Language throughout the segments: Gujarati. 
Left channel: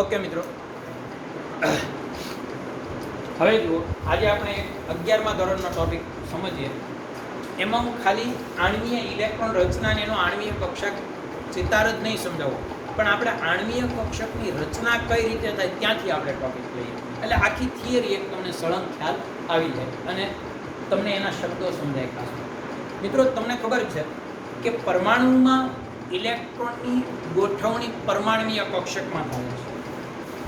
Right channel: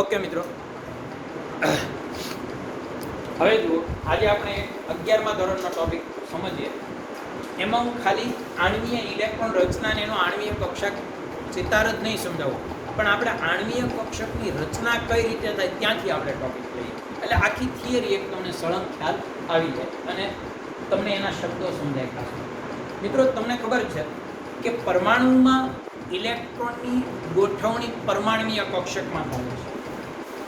ઓકે મિત્રો, હવે જુઓ, આજે આપણે 11મા ધોરણનો ટોપિક સમજીએ. એમાં હું ખાલી આણ્વીય ઇલેક્ટ્રોન રચના અને એનો આણ્વીય કક્ષક ચિતાર જ નહીં સમજાવું, પણ આપણે આણ્વીય કક્ષકની રચના કઈ રીતે થાય ત્યાંથી આપણે ટોપિક લઈએ. એટલે આખી થિયરી એક તમને સળંગ ખ્યાલ આવી જાય અને તમને એના શબ્દો સમજાય. મિત્રો, તમને ખબર છે કે પરમાણુમાં ઇલેક્ટ્રોનની ગોઠવણી પરમાણ્વીય કક્ષકમાં થાય છે.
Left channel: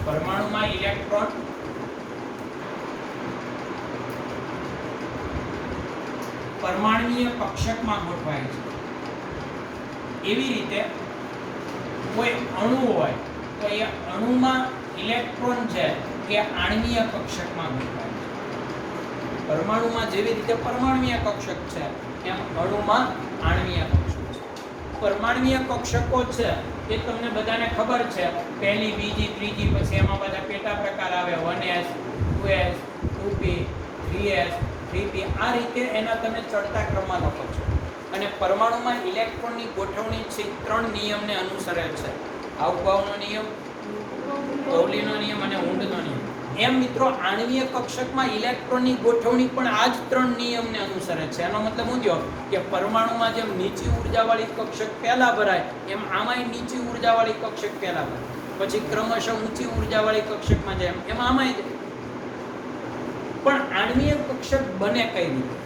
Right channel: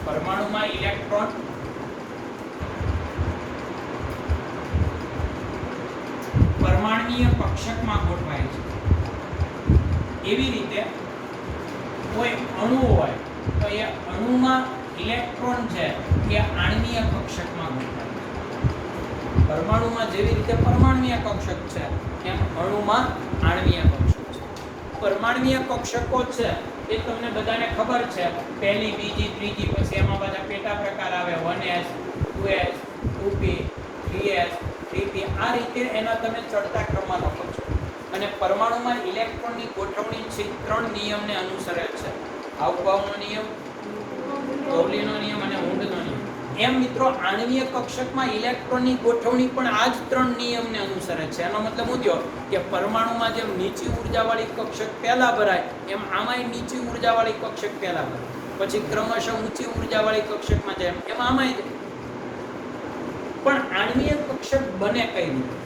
પરમાણુમાં ઇલેક્ટ્રોન પરમાણ્વીય કક્ષકમાં ગોઠવાય છે. એવી રીતે કોઈ અણુ હોય તો એ અણુમાં ઇલેક્ટ્રોન છે એ આણ્વીય કક્ષકમાં ગોઠવાય છે. પરમાણુમાં જેવી રીતે પરમાણ્વીય કક્ષક છે એમ અણુમાં આણ્વીય કક્ષક છે. પરમાણ્વીય કક્ષકો છે એ તમને બધાને ખબર છે, પહેલી, બીજી, ત્રીજી, પછી એમાં બધા પેટા પ્રકાર આવે, 1s, 2s, 2p, 3s, 3p. આ રીતે એના તમે ચડતા ક્રમમાં લખો છો. અને પરમાણુમાં ઇલેક્ટ્રોનની ગોઠવણી છે 3 નિયમને અનુસરે છે. હાઉભાવનો નિયમ, પાઉલીનો નિયમ અને ઊંડનો નિયમ. એમ મિત્રો, આણ્વીય કક્ષકમાં ઇલેક્ટ્રોનની ગોઠવણી પણ આ જ 3 નિયમને અનુસરે છે. એનો મતલબ શું થયો કે પરમાણુમાં જેમ નીચી ઉર્જાવાળી કક્ષક પહેલા ભરાય એમ આમાંય નીચી ઉર્જાવાળી કક્ષક પહેલા ભરાય, પછી ક્રમશઃ ઊંચી ઉર્જાવાળી કક્ષકમાં જાય એમ આમાંય. પણ આણ્વીય કક્ષક બને કઈ રીતે?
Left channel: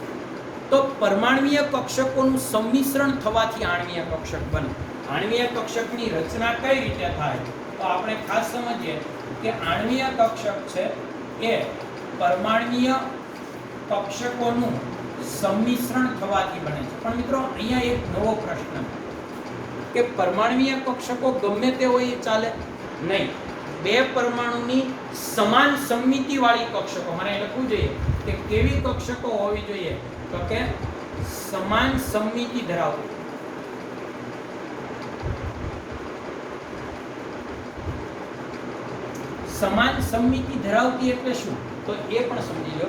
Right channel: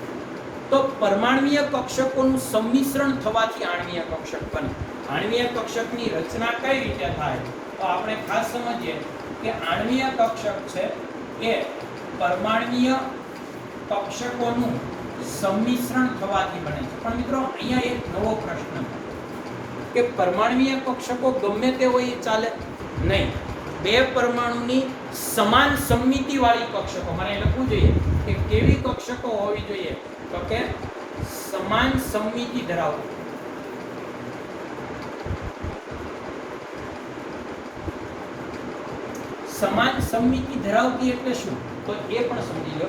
તો પરમાણ્વીય કક્ષકોનું સંમિશ્રણ થવાથી આણ્વીય કક્ષક બને. આણ્વીય કક્ષકની રચના કઈ રીતે થાય તો આપણે ખાસ સમજીએ કે આણ્વીય કક્ષક છે એ પરમાણ્વીય કક્ષકોનું સંમિશ્રણ થવાથી બને છે. પણ મિત્રો, અહીંયા એક નવો પ્રશ્ન કે પરમાણ્વીય કક્ષકો ગમે તે હોય એ ચાલે નહીં. બે પરમાણુની સમાન સમમિતિ વાળી કક્ષકો, મને લખવું જોઈએ કે કેવી કક્ષકો હોવી જોઈએ તો કે સમાન સમમિતિ ધરાવતી. સમાન સમમિતિ ધરાવતી એટલે શું તો એ પણ સમજી લો.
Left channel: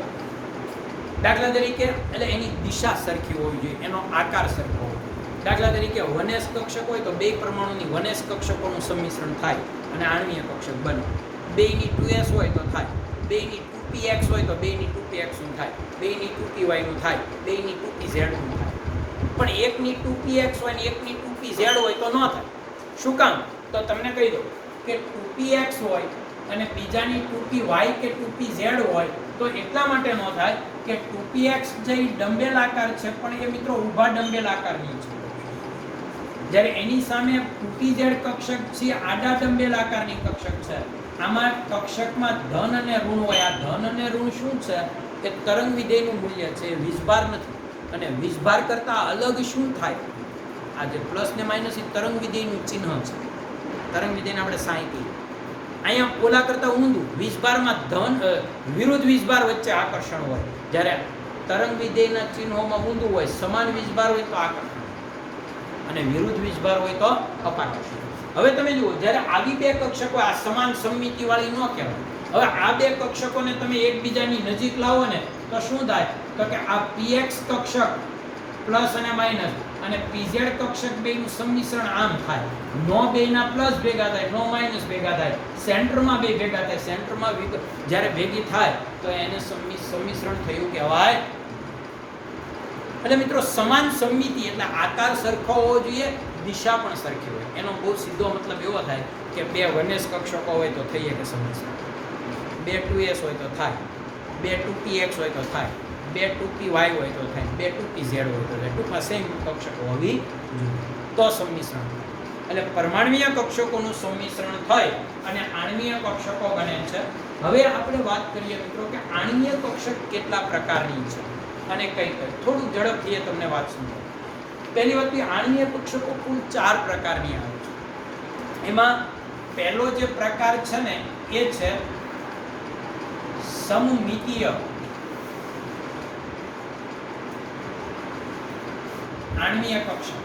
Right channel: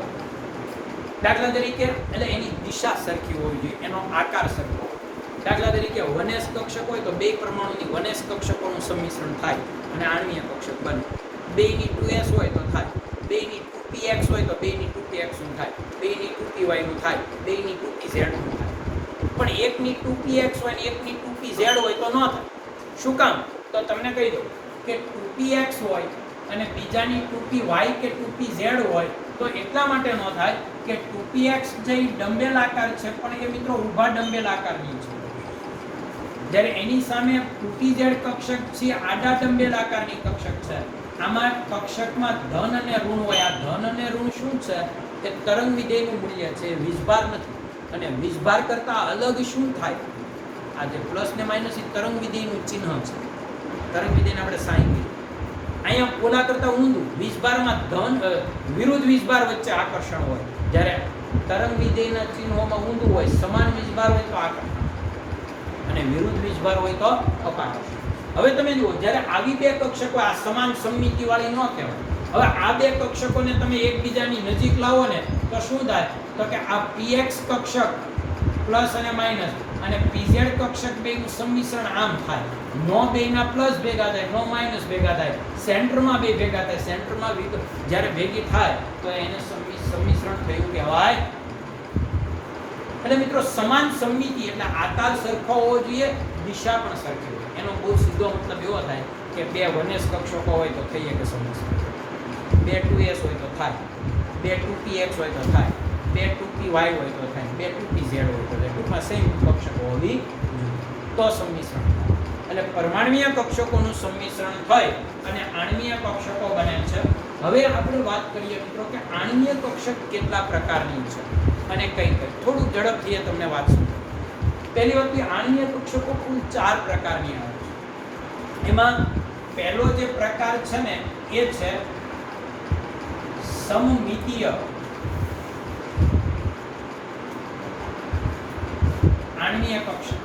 દાખલા તરીકે એટલે એની દિશા સરખી હોવી જોઈએ, એનો આકાર સરખો હોવો જોઈએ. દાખલા તરીકે 1s કક્ષક હોય તો બે પરમાણુની 1s કક્ષકોનું સંમિશ્રણ થાય અને આણ્વીય કક્ષક બને. 2ની 2s હોય તો થાય, 2ની 2px હોય તો 2ની 2px નું થાય, 2ની 2py નું થાય, 2ની 2pz નું થાય. પણ એકની 2px હોય ને એકની 2pz હોય તો ન થાય. શું કામ? તો તમને કહી દઉં કે 2px હોય અને બીજાની 2py કે 2pz હોય તો એટલા માટે ન થાય કે 2px જે ડંબેલ આકાર છે પણ એ મિત્રો ઊભા ડંબેલ આકારની છે, જ્યારે એની સામે 2pz કક્ષક છે આડા ડંબેલ આકારની કક્ષક છે. આમાં કક્ષકમાં ધન અને ઋણ હોય. આ ધન અને ઋણ શું છે? એ તરંગ વિધેયનું મૂલ્ય છે, વીજભાર નથી. અને વીજભાર કરતા અલગ શું થાય? આ જે પ્લસ ને માઇનસ એ તરંગ વિધેયનું ચિહ્ન છે. તરંગ વિધેયને આપણે સાઈન કહીએ. અહીંયા પોલા કરતા ઊંધું, વીજભારમાં ધન વિરુદ્ધ વીજભાર વચ્ચે આકર્ષણ હોય, જ્યારે તરંગ વિધેયના ચિહ્નોમાં ઊંધું હોય. સમાન વીજભાર હોય તો આકર્ષણ અને વિરુદ્ધ વીજભાર હોય તો અપાકર્ષણ. હવે તમે જુઓ, જ્યારે આવી બે કક્ષકો આ સમાન સમમિતિ વાળી ન કહેવાય. હવે આ બે કક્ષકોને તમે એકબીજાની નજીક લાવો ને તો શું થાય તો કે આ px કક્ષક પ્લસ અને માઇનસ અને pz કક્ષક બેનું સંમિશ્રણ આમ થાય. નો બેના પ્લસ ભેગા થાય, નો માઇનસ ભેગા થાય, સેન્ટરમાં બે ભેગા થાય. સેન્ટરમાં જ્યારે ભેગી થાય તો એને સંમિશ્રણ થયું કહેવાય. એટલે મિત્રો, સમાન સમમિતિ એટલે આકાર સરખો હોવો જોઈએ, દિશા પણ સરખી હોય. એનો બહુ સીધો મતલબ એવો થાય કે બે 1s કક્ષકો હોય તો થઈ શકે સંમિશ્રણ, બે 2s હોય તો થાય, બે 2px હોય તો થાય, બે 2py હોય તો થાય, બે 2pz હોય તો થાય. ટૂંકમાં સેમ કક્ષકો હોવી તો સંમિશ્રણ. એટલે પરમાણ્વીય કક્ષકોનું સંમિશ્રણ થઈ અને આણ્વીય કક્ષકો બને છે. હવે આપણે વાત કરીએ મિત્રો કે આણ્વીય કક્ષક કેટલા પ્રકારની છે અને કઈ કઈ. થોડું ઝડપથી તમને વાત સમજો. પહેલી વાત, આણ્વીય કક્ષકો કુલ 4 પ્રકારની આવે છે. એમાં પહેલો જે પ્રકાર છે ને એ છે સમમિતીય આણ્વીય કક્ષક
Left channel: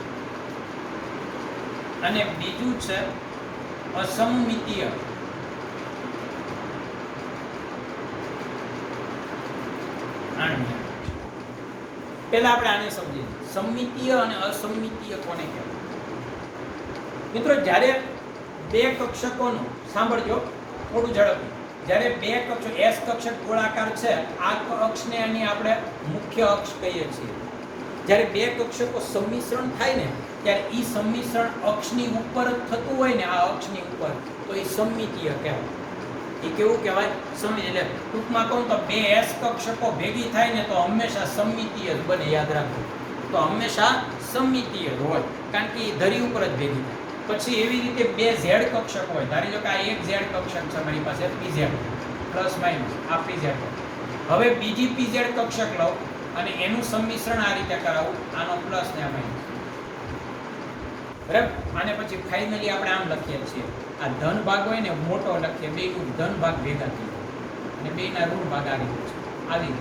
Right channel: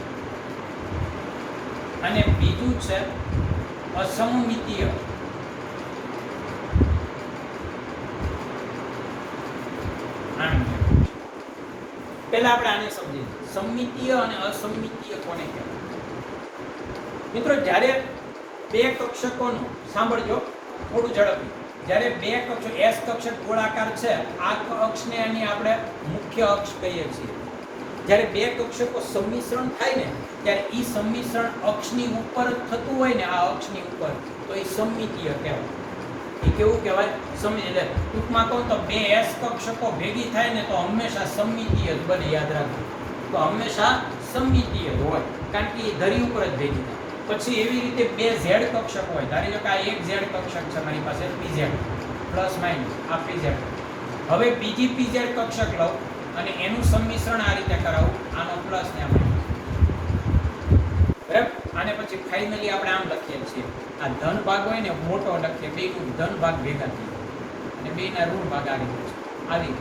અને બીજું છે અસમમિતીય આણ્વીય. પહેલા આપણે આને સમજીએ, સમમિતીય અને અસમમિતીય કોને કહેવાય. મિત્રો, જ્યારે બે કક્ષકોનો સાંભળજો થોડું ઝડપથી. જ્યારે બે કક્ષક એસ કક્ષક ગોળાકાર છે, આ અક્ષને એની આપણે મુખ્ય અક્ષ કહીએ છીએ. જ્યારે બે કક્ષકો સંમિશ્રણ થાય ને ત્યારે ઈ સંમિશ્રણ અક્ષની ઉપર જ થતું હોય ને, આ અક્ષની ઉપર, તો એ સમમિતીય કહેવાય. એ કેવું કહેવાય? એટલે ટૂંકમાં કહું તો બે એસ કક્ષકો ભેગી થાય ને તો હંમેશા સમમિતીય જ બને, યાદ રાખો. તો હંમેશા સમમિતીય હોય, કારણ કે એ ધરી ઉપર જ ભેગી થાય. પછી એવી રીતે બે ઝેડ કક્ષક હોય. ધારી લો કે આ એક ઝેડ કક્ષક છે મારી પાસે, પીઝેડ પ્લસ માઇનસ આ પીઝેડ. હવે બીજી પીઝેડ કક્ષક લઉં અને એનું સંમિશ્રણ આ રીતે કરાવું, આનો પ્લસ ને આ માઇનસ. બરાબર? અને પછી ફાઇનલી આપણે આમ લખીએ છીએ, આ ધન ભાગ હોય ને મોટો લખીએ, બેયનું ધન ભાગ ભેગા થઈ જાય અને બેયના ઋણ ભાગ આવી આવી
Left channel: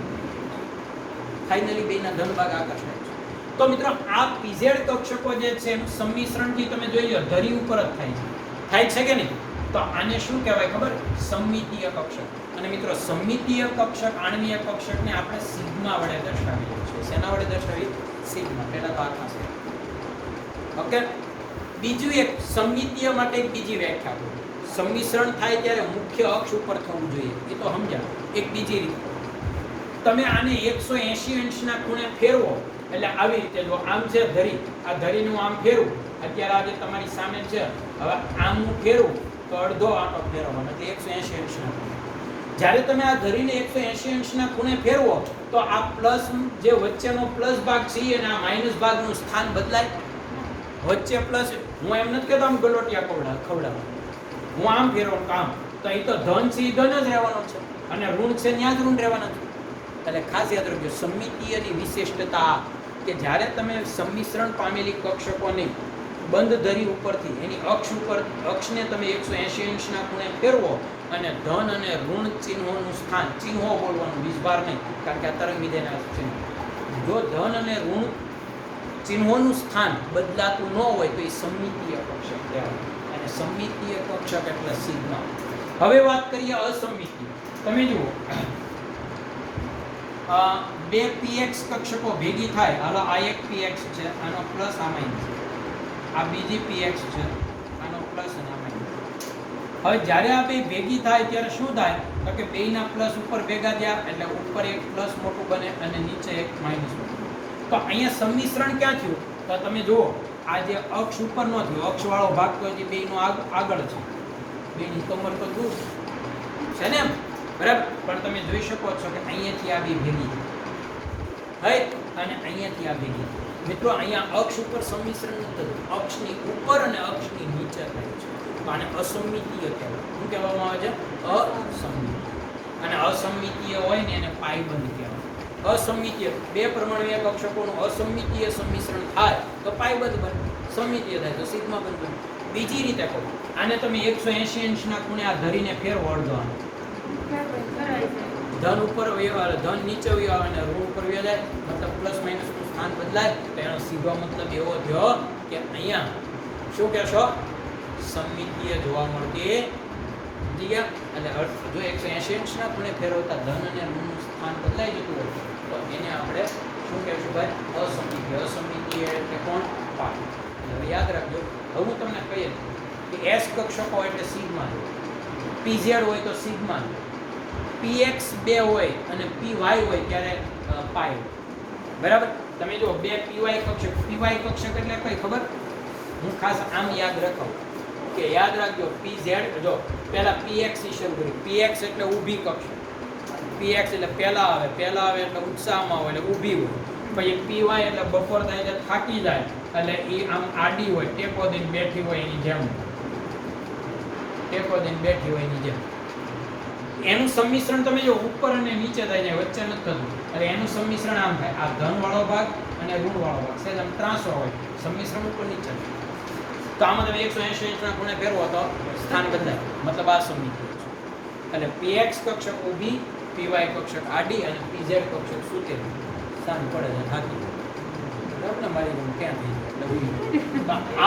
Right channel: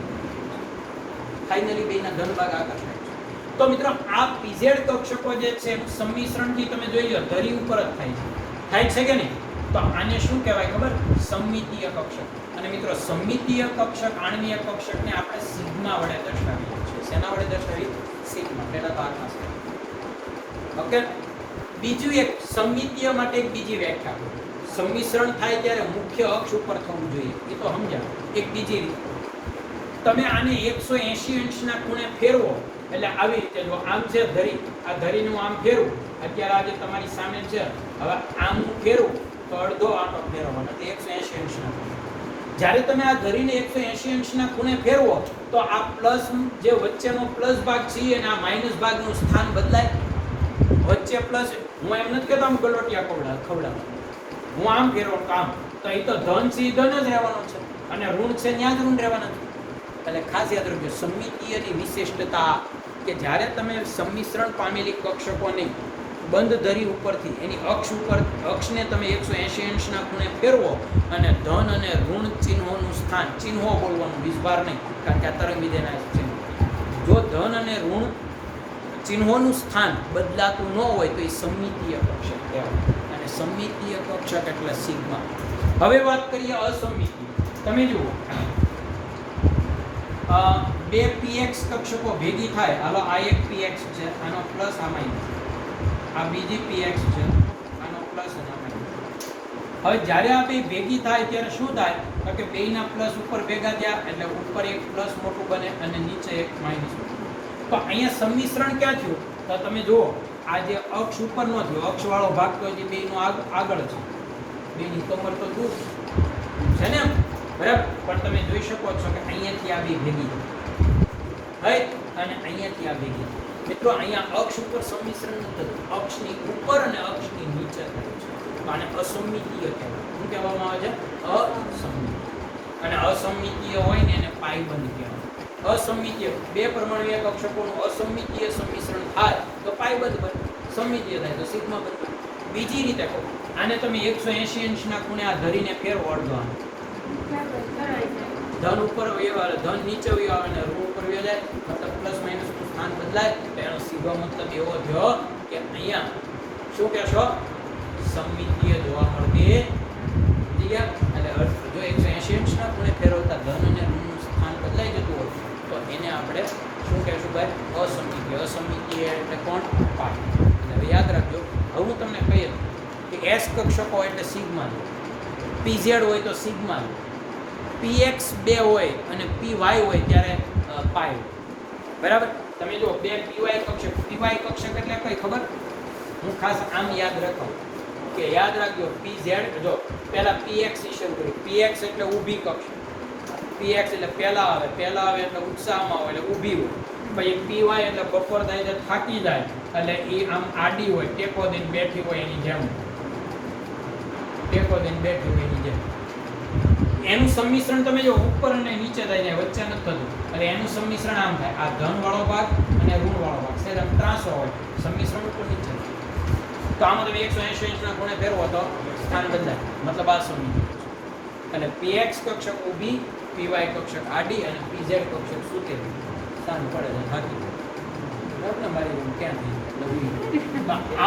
ફાઇનલી બેયના ધન ભાગ આગળ. તો મિત્રો આ પીઝેડ કક્ષકો જે છે સંમિશ્રણથી તમે જોઈ લો ધરી ઉપર જ થાય છે કે નહીં? તો આને શું કહેવાય ખબર? સમમિતીય કક્ષક. અને મિત્રો સમમિતીય કક્ષક, આણ્વીય કક્ષકને આપણે સિગ્મા વડે દર્શાવીએ છીએ. શેના વડે દર્શાવીએ? સિગ્મા. પહેલા ભાગમાં છે. ઓકે. બીજું એક સમમિતીય માટે એક બીજી વ્યાખ્યા કરું. સંમિશ્રણ થાય ત્યારે મુખ્ય અક્ષ ઉપર થવું જોઈએ, એ તો સમજાય. એક બીજી રીત, તમે આને 180 અંશના ખૂણે ફેરવો એટલે આવી રીતે, જો આમ છે ધરી, આ ધરીનું આમ ફેરવું, અત્યારે આજે તમારી સામે છે, હવે આમ હું ફેરવું તો અડધો આંટો ફેરવવાનો, એટલે 180 અંશનો ખૂણે. જ્યારે તમે આ ધરીને 180 અંશના ખૂણે ફેરવો તો આ પ્લસ, જે વચ્ચેનો પ્લસ ભાગ છે અને આ માઇનસ ભાગનું સ્થાન બદલાય. વચ્ચે પ્લસ, હું એમ નથી કહેતો આમ ગલોટિયા ખવડાવ, હું આમ ફેરવું કામ, તો એ તો ધન છે એ ધન જ રહેવાનો છે અને ઋણ છે ત્યાં જ ઋણ રહેવાના છે. એટલે ખાસ યાદ રાખજો સમમિતીયની વિશિષ્ટતા, કે જ્યારે તમે સંમિશ્રણ પામેલી કક્ષકોને બંધ ધરી ઉપરથી એની અક્ષ ઉપર, અક્ષને તમે 180 અંશના ખૂણે ફેરવો અને ધન અને ઋણ ચિહ્નોનું સ્થાન, ચિહ્નો બોલવાનું, વિસ્ભાર નહીં, કારણ કે આ તરંગ વિધેયના ચિહ્નો. જો ધન અને ઋણ ચિહ્નોનું સ્થાન બદલાતું ન હોય તો એ સમમિતીય કક્ષક કહેવાય. અને સમમિતીય કક્ષક એટલે સિગ્મા. હવે વાત કરીએ અસમમિતીય. તમે જુઓ, બે px કક્ષકો ભેગી થાય, હાલો આ એક px છે, આનો પ્લસ આ માઈનસ, આ બીજી px છે, આનો પ્લસ અને આ માઈનસ. હવે જ્યારે આ બે ભેગી થાય ત્યારે શું થાય? તો કે બેયના પ્લસ ઉપર ભેગા થયા એટલે ઉપર એક પ્લસ મોટું બને અને નીચે એક માઈનસ. તો અહીંયા સંમિશ્રણ ક્યાં થયું? તો તમે જુઓ, આ જે અક્ષ ઉપર નો થયો, અક્ષ વાળો ભાગ તો હજી બેયનો આગળ છે, બેયની કમર તો દૂર છે ને, બરાબર? પણ તમે જોઈ શકો છો કે અહીંયાથી આ બે ભેગી, રાઈટ, અને અહીંયાથી આ ભેગી. મિત્રો અહીંયા અક્ષ ઉપર સંમિશ્રણ નથી, અક્ષની ઉપર અને અક્ષની નીચે થયું છે, તો આને અસમમિતીય કહેવાય. શું કહેવામાં આવે છે? અસમમિતીય. અને અસમમિતીય હોય ને એને પાયબંધ કહેવાય. અસમમિતીય બે પરમાણુય કક્ષકોનું અસમમિતીય સંમિશ્રણ થાય તો પાયબંધ બને, સમમિતીય થાય તો સિગ્મા બને. બીજી રીતે કહો, આને તમે 180 અંશના ખૂણે આ ધરીને ફેરવો અડધો, આને ધન ઉપર વહેવા, ધન નીચે વહેવા અને ઋણ ઉપર વહી જાય, મતલબ પ્લસ માઇનસ નું સ્થાન બદલાય, તો એનો સીધો મતલબ એવો થયો કે અહીંયા શું કહેશો? સમમિતીય જોવા મળતી. સમજી ગયા? એટલે જો 180 અંશના ખૂણે ફેરવતા ધન અને ઋણનું સ્થાન બદલાઈ જતું હોય તો એને આપણે શું કહેશું ભાઈ? અસમમિતીય. અસમમિતીય એટલે કોણ? પાય. હવે યાદ રાખજો, હવે હું તમને કહીએ કે એસ કક્ષકો એટલે સિગ્મા, પીઝેડ હોય તો સિગ્મા, px 2 હોય અને py હોય ત્યારે પાય. બરાબર? તમે જો બે py કક્ષક, py કક્ષક એટલે કઈ ખબર? હું ખાસ આમ યાદ રાખો કે યાદ રાખજો, pz, જો પહેલા px ની શરૂ કરી, px એટલે ઊભી કક્ષક, px એટલે પહેલા આવે એટલે ઉત્સાહમાં હોય એટલે ઊભી હોય, પછી py એટલે બપોર થાય એટલે થાકી જાય એટલે એ આમ આડી હોય, ટેકો દઈને બેઠી હોય એની જેમ, ટેકો દઈને બેઠી હોય એની જેમ. એનું સંમિશ્રણ તમે જો ઉપર અને નીચે થઈ જાય, વચ્ચે નથી થતું, એટલે એનું સંમિશ્રણ આમ થાય, આ ધન વાળો ભાગ અને ઋણ વાળો ભાગ છે આમ ત્રાસો હોય, સંમિશ્રણ ઉપર નીચે. તો આમાં તમે 180 અંશના ખૂણે ફેરવો તો સ્થાન બદલાય, મતલબ આ સમમિતીય. એટલે px કક્ષક ઊભી, py કક્ષક આડી અને pz કક્ષક સૂકેલી, સ્થાન પડે છે થાકી. બરાબર ને? મારી રૂમ ક્યાં થઈ?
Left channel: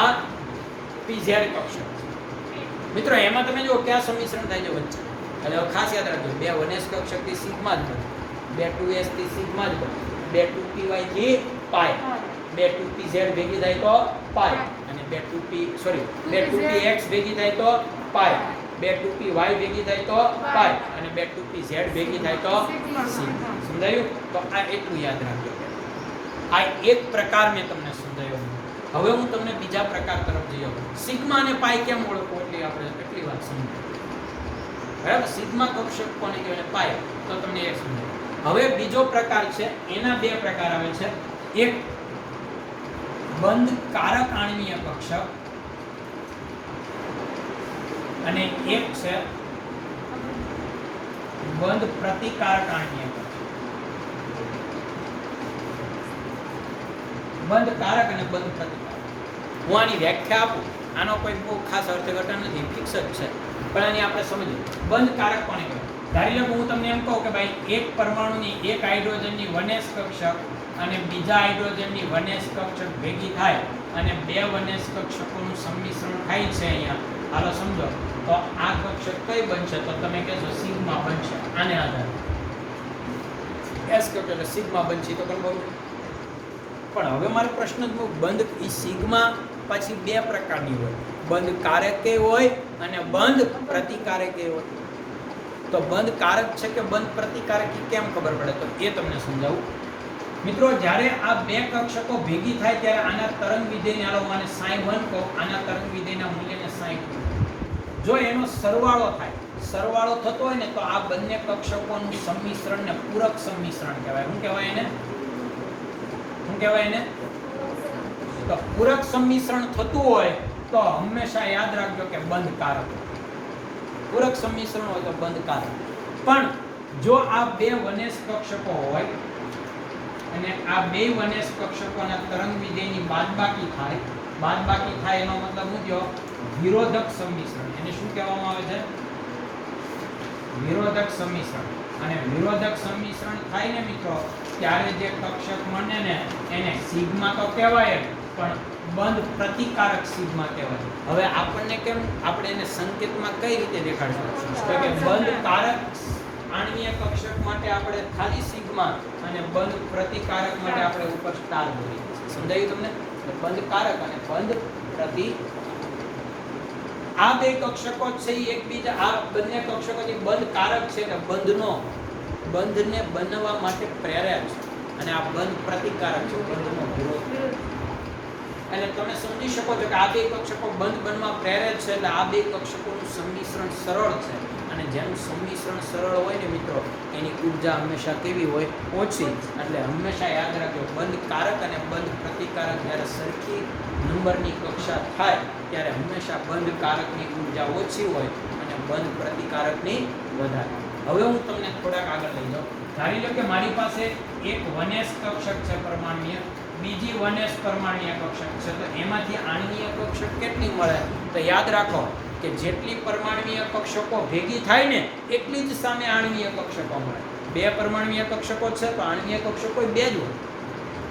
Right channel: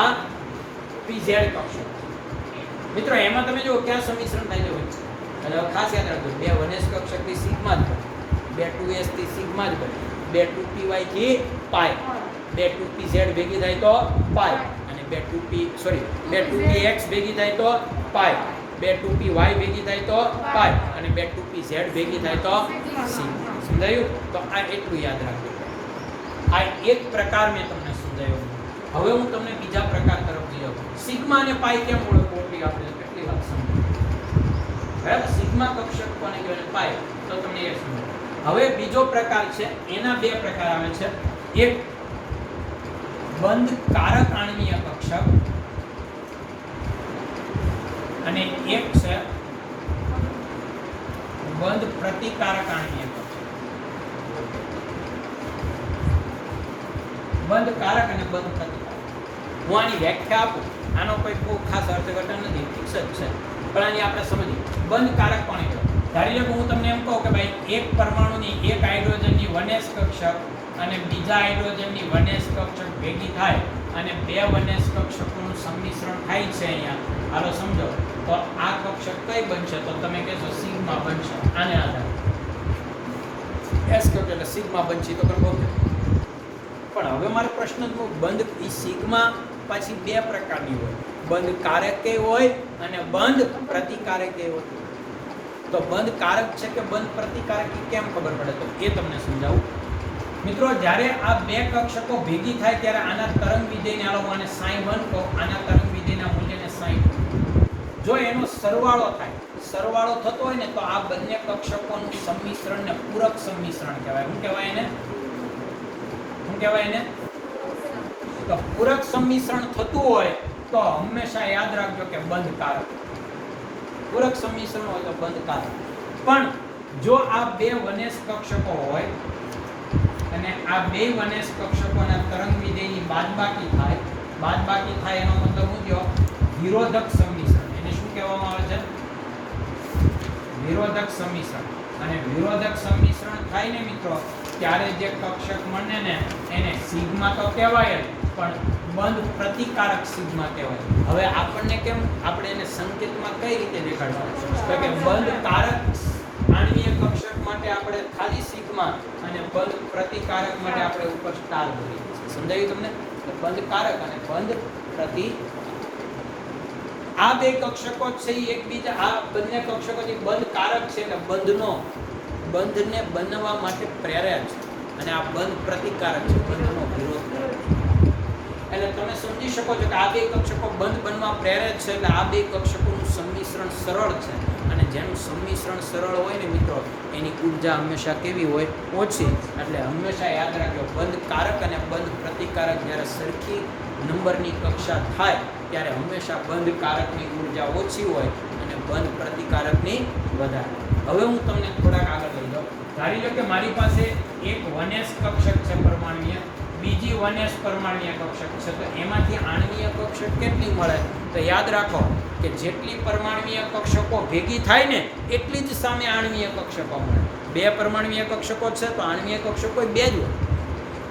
આ pz કક્ષક. મિત્રો એમાં તમે જો ક્યાં સંમિશ્રણ થાય છે વચ્ચે? એટલે ખાસ યાદ રાખજો, બે 1s કક્ષકથી સિગ્મા જ બને, બે 2s થી સિગ્મા જ બને, બે 2py થી પાય, બે 2pz ભેગી થાય તો પાય, અને બે 2px ભેગી થાય તો પાય, બે 2p y ભેગી થાય તો પાઈ અને બે 2p z ભેગી થાય તો સિગ્મા. સમજાયું? તો આ એટલું યાદ રાખજો. આ એક પ્રકાર મેં તમને સમજાવ્યો. હવે હું તમને બીજા પ્રકાર તરફ જઈ આવું. સિગ્મા અને પાઈ કેમ ઓળખો એટલે આપણે કેટલી વાત સમજી. બરાબર? સિગ્મા કક્ષક કોને કહેવાય, પાઈ, તો તમને એ સમજાય. હવે બીજો પ્રકાર છે, એના બે પ્રકાર આવે છે. એક બંધ કારક આણ્વીય કક્ષક અને એક છે બંધ પ્રતિકારક આણ્વીય કક્ષક. બંધ કારક અને બંધ પ્રતિકારક. હું આની વ્યાખ્યા આપું, આનો કોઈ બહુ ખાસ અર્થઘટન નથી, ફિક્સ જ છે, પણ આની આપણે સમજીએ. બંધ કારક કોને કહેવાય? ધારી લો હું તમને એમ કહું કે ભાઈ એક પરમાણુની એક હાઇડ્રોજનની 1s કક્ષક અને બીજા હાઇડ્રોજનની 1s કક્ષક ભેગી થાય અને બે 1s કક્ષકોનું સંમિશ્રણ થાય છે અહીંયા, હાલો સમજો, તો આ કક્ષક કઈ બનશે? તો તમે કહેશો સિગ્મા બનશે. આને આધારે s કક્ષક એટલે સિગ્મા બનશે. તો બરાબર. પણ હવે મારો પ્રશ્ન જ બંધ ઈ સિગ્મા પછી બે પ્રકારની હોય, બંધ કારકે હોય અને બંધ પ્રતિકારકે હોય. તો બંધ કારક છે કે બંધ પ્રતિકારક કેમ ખબર પડે? તો એ તમને સમજાવું. મિત્રો, જ્યારે આ બે કક્ષકો ભેગી થાય ત્યારે આના તરંગ વિધેયને, હાલો હું આને sin1 કહું, આના તરંગ વિધેયના મૂલ્યને sin2. જો એનો સરવાળો થાય, સરવાળો થતો હોય ને તો આ બંને કક્ષકોનું સંમિશ્રણને પૂરક સંમિશ્રણ કહેવાય. શું કહેવાય એને? શું કહેવાય એને? તો પૂરક સંમિશ્રણ થતું હોય તો હંમેશા યાદ રાખજો કે બંધ કારક. પૂરક સંમિશ્રણ હોય તો બંધ કારક. પણ જો આ બે 1s કક્ષકો હોય અને આ બે 1s કક્ષકોના તરંગ વિધેયની બાદબાકી થાય, બાદબાકી થાય એનો મતલબ શું થયો? વિરોધક સંમિશ્રણ. એને શું કહેવામાં આવે છે? વિરોધક સંમિશ્રણ. અને વિરોધક સંમિશ્રણ થાય ને મિત્રો, ત્યારે જે કક્ષક મળે ને એને સિગ્મા તો કહેવાય જ, પણ બંધ પ્રતિકારક સિગ્મા કહેવાય. હવે આપણને કેમ, આપણે એને સંકેતમાં કઈ રીતે દેખાડશું? તો કે બંધ કારક આણ્વીય કક્ષક માટે આપણે ખાલી સિગ્મા અને બંધ પ્રતિકારક માટે આપણે ઉપર સ્ટાર બોલીએ. સમજાયું તમને? બંધ કારક અને બંધ પ્રતિ. આ બે કક્ષકો છે એકબીજા, આ બંને કક્ષકો જે બંધ કારક છે કે બંધને બનવા માટે પ્રેરે છે, અને આ બંધ પ્રતિકારક છે, બંધનો વિરોધ. એટલે તમે સમજી શકો છો કે આ બે કક્ષકો બંધ બનવા પ્રેરે છે, એટલે આ બે કક્ષકોનું સંમિશ્રણ સરળ છે. અને જેનું સંમિશ્રણ સરળ હોય ને મિત્રો, એની ઉર્જા હંમેશા કેવી હોય? ઓછી. એટલે હંમેશા યાદ રાખજો, બંધ કારક અને બંધ પ્રતિકારક જ્યારે સરખી નંબરની કક્ષા થાય ત્યારે હંમેશા બંધ કારકની ઉર્જા ઓછી હોય અને બંધ પ્રતિકારકની વધારે. હવે હું તમને થોડાક આગળ લઈ જાઉં. ધારી લો કે મારી પાસે એક 1s કક્ષક છે પરમાણ્વીય, બીજી 1s પરમાણ્વીય કક્ષક છે. તો એમાંથી આણ્વીય કક્ષક કેટલી મળે? તો યાદ રાખો કે જેટલી પરમાણ્વીય કક્ષકો ભેગી થાય ને એટલી જ સામે આણ્વીય કક્ષકો મળે. બે પરમાણ્વીય કક્ષકો છે તો આણ્વીય કક્ષકો બે જ હોય,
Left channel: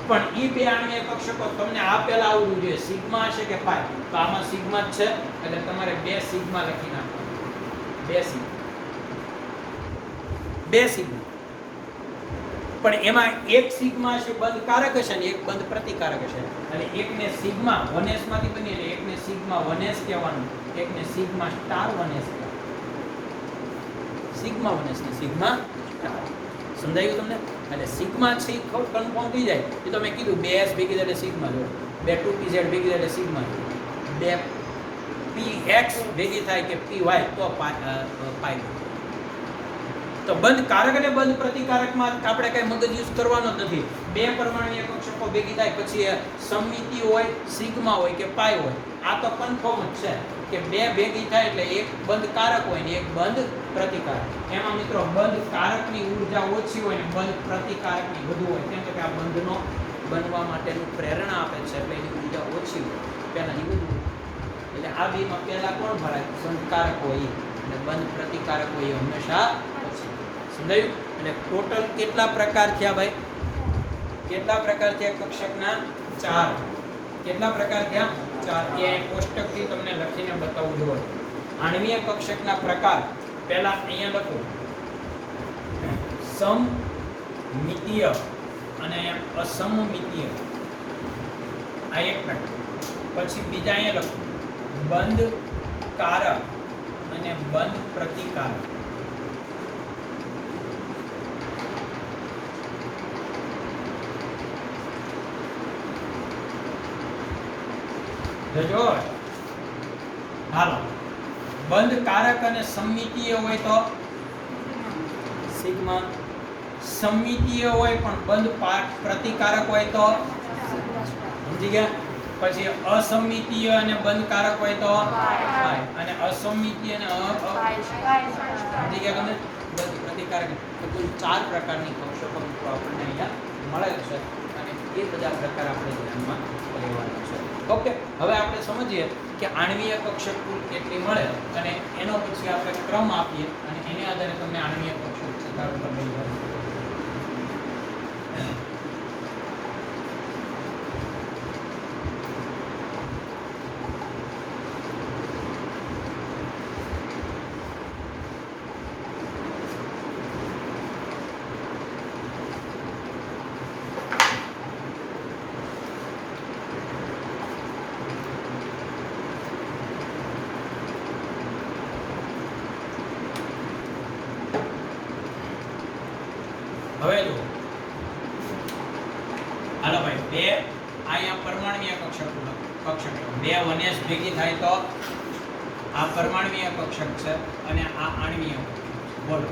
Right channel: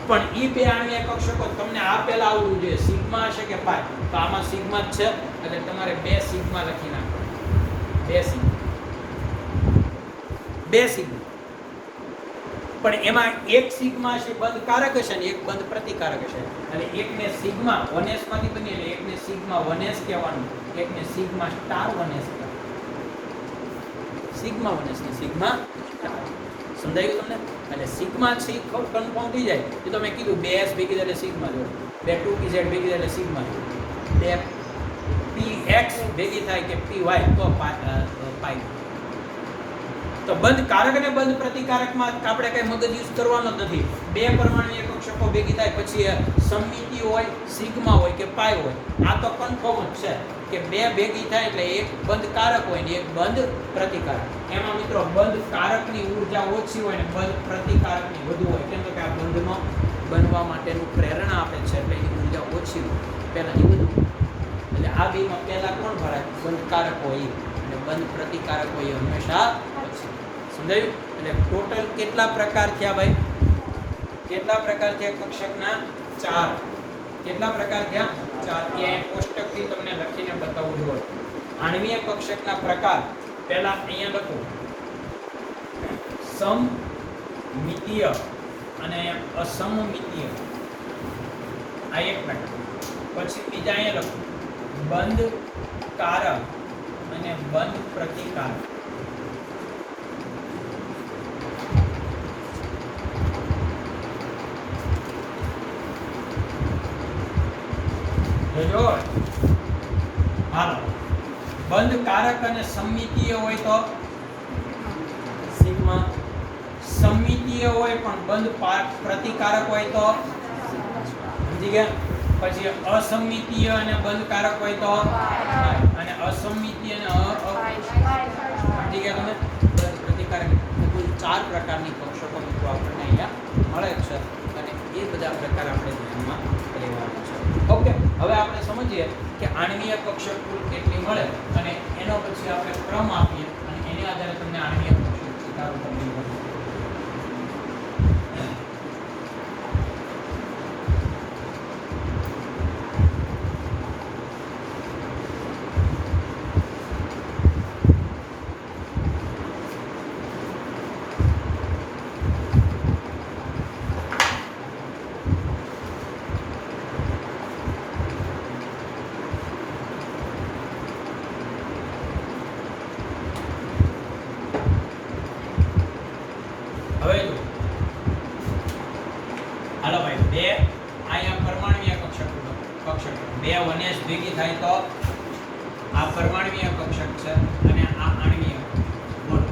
પણ એ બે આણ્વીય કક્ષકો તમને આ પહેલા આવડવું જોઈએ, સિગ્મા હશે કે પાઈ. તો આમાં સિગ્મા જ છે એટલે તમારે બે સિગ્મા લખી નાખો. બે સિગ્મા. પણ એમાં એક સિગ્મા છે બંધ કારક હશે ને એક બંધ પ્રતિકારક હશે. એટલે એકને સિગ્મા 1s માંથી બની એટલે એકને સિગ્મા 1s કહેવાનું, એકને સિગ્મા સ્ટાર 1s કહેવાનું. સિગ્મા 1s ને સિગ્મા સ્ટાર. સમજાયું તમને? એટલે સિગ્મા છે એ કન્ફર્મ થઈ જાય. એ તો મેં કીધું 2s ભેગી થાય એટલે સિગ્મા જોડે, બે 2pz ભેગી થાય એટલે સિગ્મા જોડે, બે px ભેગી થાય કે py તો પાઈ. તો બંધ કારક અને બંધ પ્રતિકારકમાં આપણે કઈ મગજ યુઝ કરવાનો જ નથી. બે પરમાણ્વીય કક્ષકો ભેગી થાય પછી સમમિતિ હોય, સિગ્મા હોય કે પાઈ હોય, આ તો કન્ફર્મ જ છે કે બે ભેગી થાય એટલે એક બંધ કારક હોય ને એક બંધ પ્રતિકારક. એમાં મિત્રો બંધ કારકની ઉર્જા ઓછી હોય ને બંધ પ્રતિકારકની વધુ હોય. કેમ તો કે આ બંધનો બનવા માટેનું પ્રેરણા આપે છે એટલે એની ઉર્જા ઓછી હોય, પહેલાની વધુ. એટલે આ બેમાં પહેલા કોણ ભરાય? બંધ કારક હોય અને બંધ પ્રતિકારક હોય હંમેશા ઓછી. સમજાયું? એટલે ટોટલ કેટલા પ્રકાર થયા ભાઈ? કેટલા પ્રકાર થયા કક્ષકના? 4. કેટલા પ્રકાર થયા? 4. એ કોષ્ટકથી તમને લખીને બતાવું જોઈએ. આણ્વીય કક્ષકના પ્રકાર પહેલા અહીંયા લખો, સમમિતીય અને અસમમિતીય. આ એક પ્રકાર. પછી બીજા અહીંયા લખો બંધ કારક અને બંધ પ્રતિકારક. જો હાલો, બંધ કારક અને સમમિતીય હોય તો સિગ્મા, સમમિતીય હોય પણ બંધ પ્રતિકારક હોય તો સમજી ગયા. પછી અસમમિતીય અને બંધ કારક હોય તો અને અસમમિતીય અને સમજી ગયા તમે. પ્રતિકારક કુલ 4 પ્રકારની કક્ષકો મિત્રો આપણને અહીંયા મળે છે અને એ બધા પ્રકાર આપણે ધ્યાનમાં લેવાના છે. ઓકે, હવે આપણે સમજીએ કે આણ્વીય કક્ષક કુલ કેટલી મળે અને એનો પછી આપણે ક્રમ આપીએ અને એની આધારે તમને આણ્વીય કક્ષક સિદ્ધાંત તમને મળે. હવે જો હાલો ભાઈ, બે અહીંયા પરમાણ્વીય કક્ષક બે વનેસ ભેગી થાય તો આ પરમાણ્વીય કક્ષક છે અને આ આણ્વીય. બોલો,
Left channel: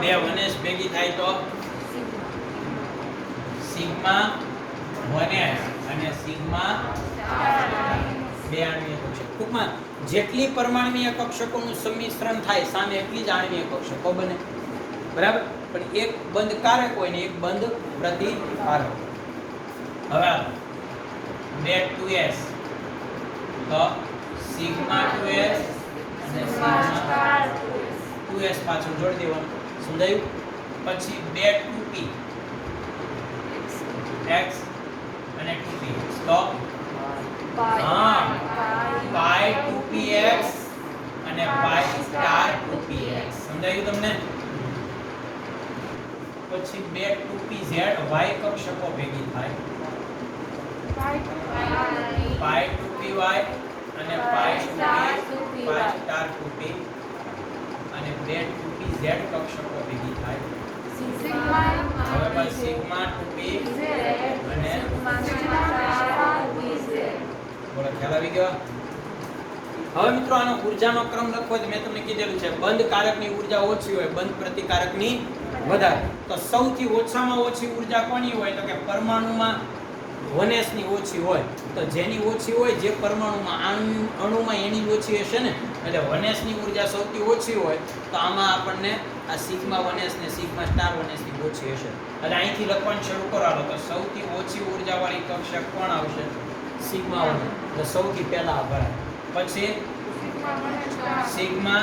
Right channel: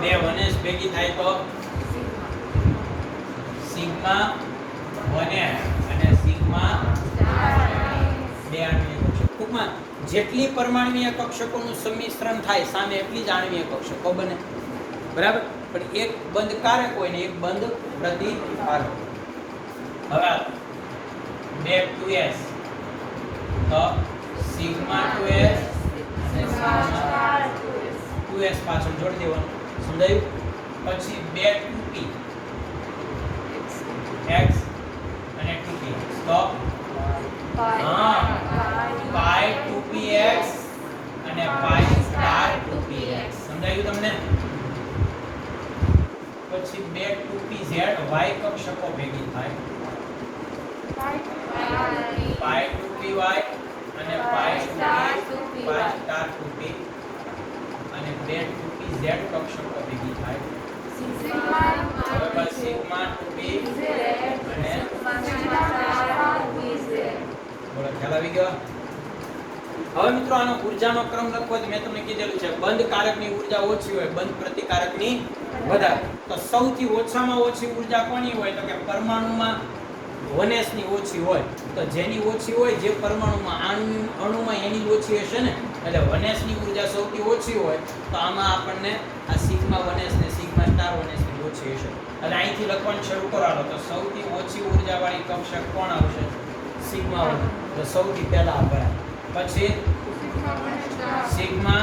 બે વનેસ ભેગી થાય તો સિગ્મા વનેસ અને સિગ્મા બે આણ્વીય કક્ષક. ટૂંકમાં જેટલી પરમાણ્વીય કક્ષકોનું સંમિશ્રણ થાય સામે એટલી જ આણ્વીય કક્ષકો બને. બરાબર, પણ એક બંધ કારક હોય ને એક બંધ પ્રતિકારક. હવે 2s તો સિગ્મા 2s અને સિગ્મા 2s પાછળ જોડી દેવાનું. સમજાયું? પછી 2 2p x અને 2p તો pi 2px અને pi star 2px. સમજાયું તમને? પછી 2 2pz y કક્ષકો ભેગી થાય pi 2py અને pi 2p pi star 2p અને 2 2pz કક્ષકો ભેગી થાય હવે સિગ્મા 2p અને બોલો, ખ્યાલ આવી ગયો? હવે મિત્રો આનો ઊર્જાનો ક્રમ લખવો જ મેં તમને કીધેલું છે. બંધ કારકની ઊર્જા ઓછી હોય, બંધ પ્રતિકારકની વધારે. તો સૌથી ઓછામાં ઓછી ઊર્જા કોની હોય તો કે પરમાણુમાં વનેસની ઓછી હોય. તો જેની ઓછી હોય, જે પરમાણુમાં અણુમાં એની ઓછી હશે ને, એટલે વનેસની ઊર્જા સૌથી ઓછી હોય તો આમાં આપણને આ સિગ્મા વનેસ ને સિગ્મા સ્ટાર વનેસની ઓછી હશે. એટલે અહીંથી લખવાનું શરૂ કરાવો તો સૌથી ઓછી ઊર્જાવાળી કક્ષક કોણ આવશે? Sigma one. તો સૌથી પહેલા ભરાય, પછી સિગ્મા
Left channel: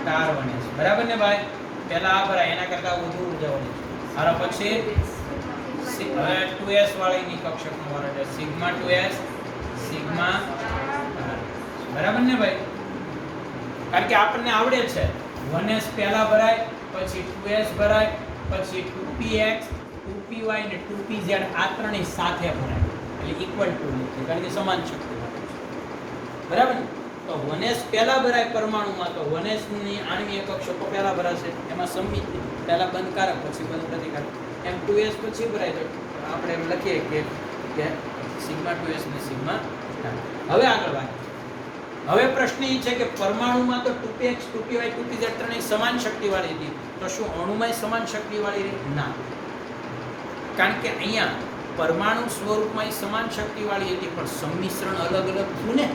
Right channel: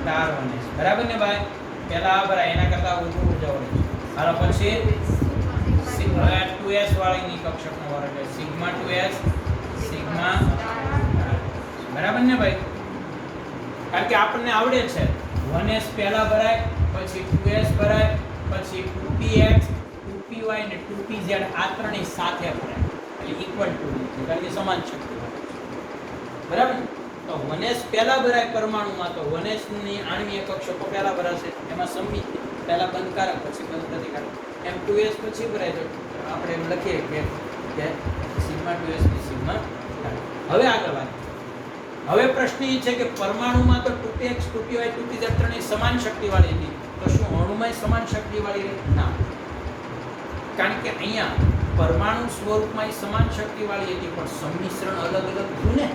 સ્ટાર વનેસ. બરાબર ને ભાઈ? પહેલા આ ભરાય, એના કરતા વધુ ઊર્જાવાળી. હાલો, પછી 2s વાળીની કક્ષકનો વારો એટલે સિગ્મા 2s સિગ્મા. બરાબર ને ભાઈ? કારણ કે આપણને આવડે છે 1s પહેલા ભરાય, પછી 2s ભરાય, પછી 2px 2py અને 2pz આ ત્રણેય સાથે ભરાય એટલે ઇક્વલ ટુ છે, કારણ કે સમાન શક્તિ. બરાબર? તો 1s પહેલા ભરાય પરમાણુમાં, તો 1s ની આણ્વીય કક્ષકો પહેલા ભરાશે. એમાં સમમિતિ પહેલા બંધકારક પછી બંધ પ્રતિકારક. એમ 2s પછી ભરાય તો આપણે એમ લખીએ કે સિગ્મા 2s ને સિગ્મા. હવે આગળ વાત. હવે પ્રશ્ન એ છે કે પરમાણુમાં તો 2px 2py 2pz ત્રણેય સમાન શક્તિવાળી હતી, તો શું અણુમાં સમાન શક્તિવાળી? ના, કારણ કે અહીંયા પરમાણુ સ્વરૂપમાં સમાન શક્તિવાળી હતી પણ સંમિશ્રણ અલગ અલગ થયું ને.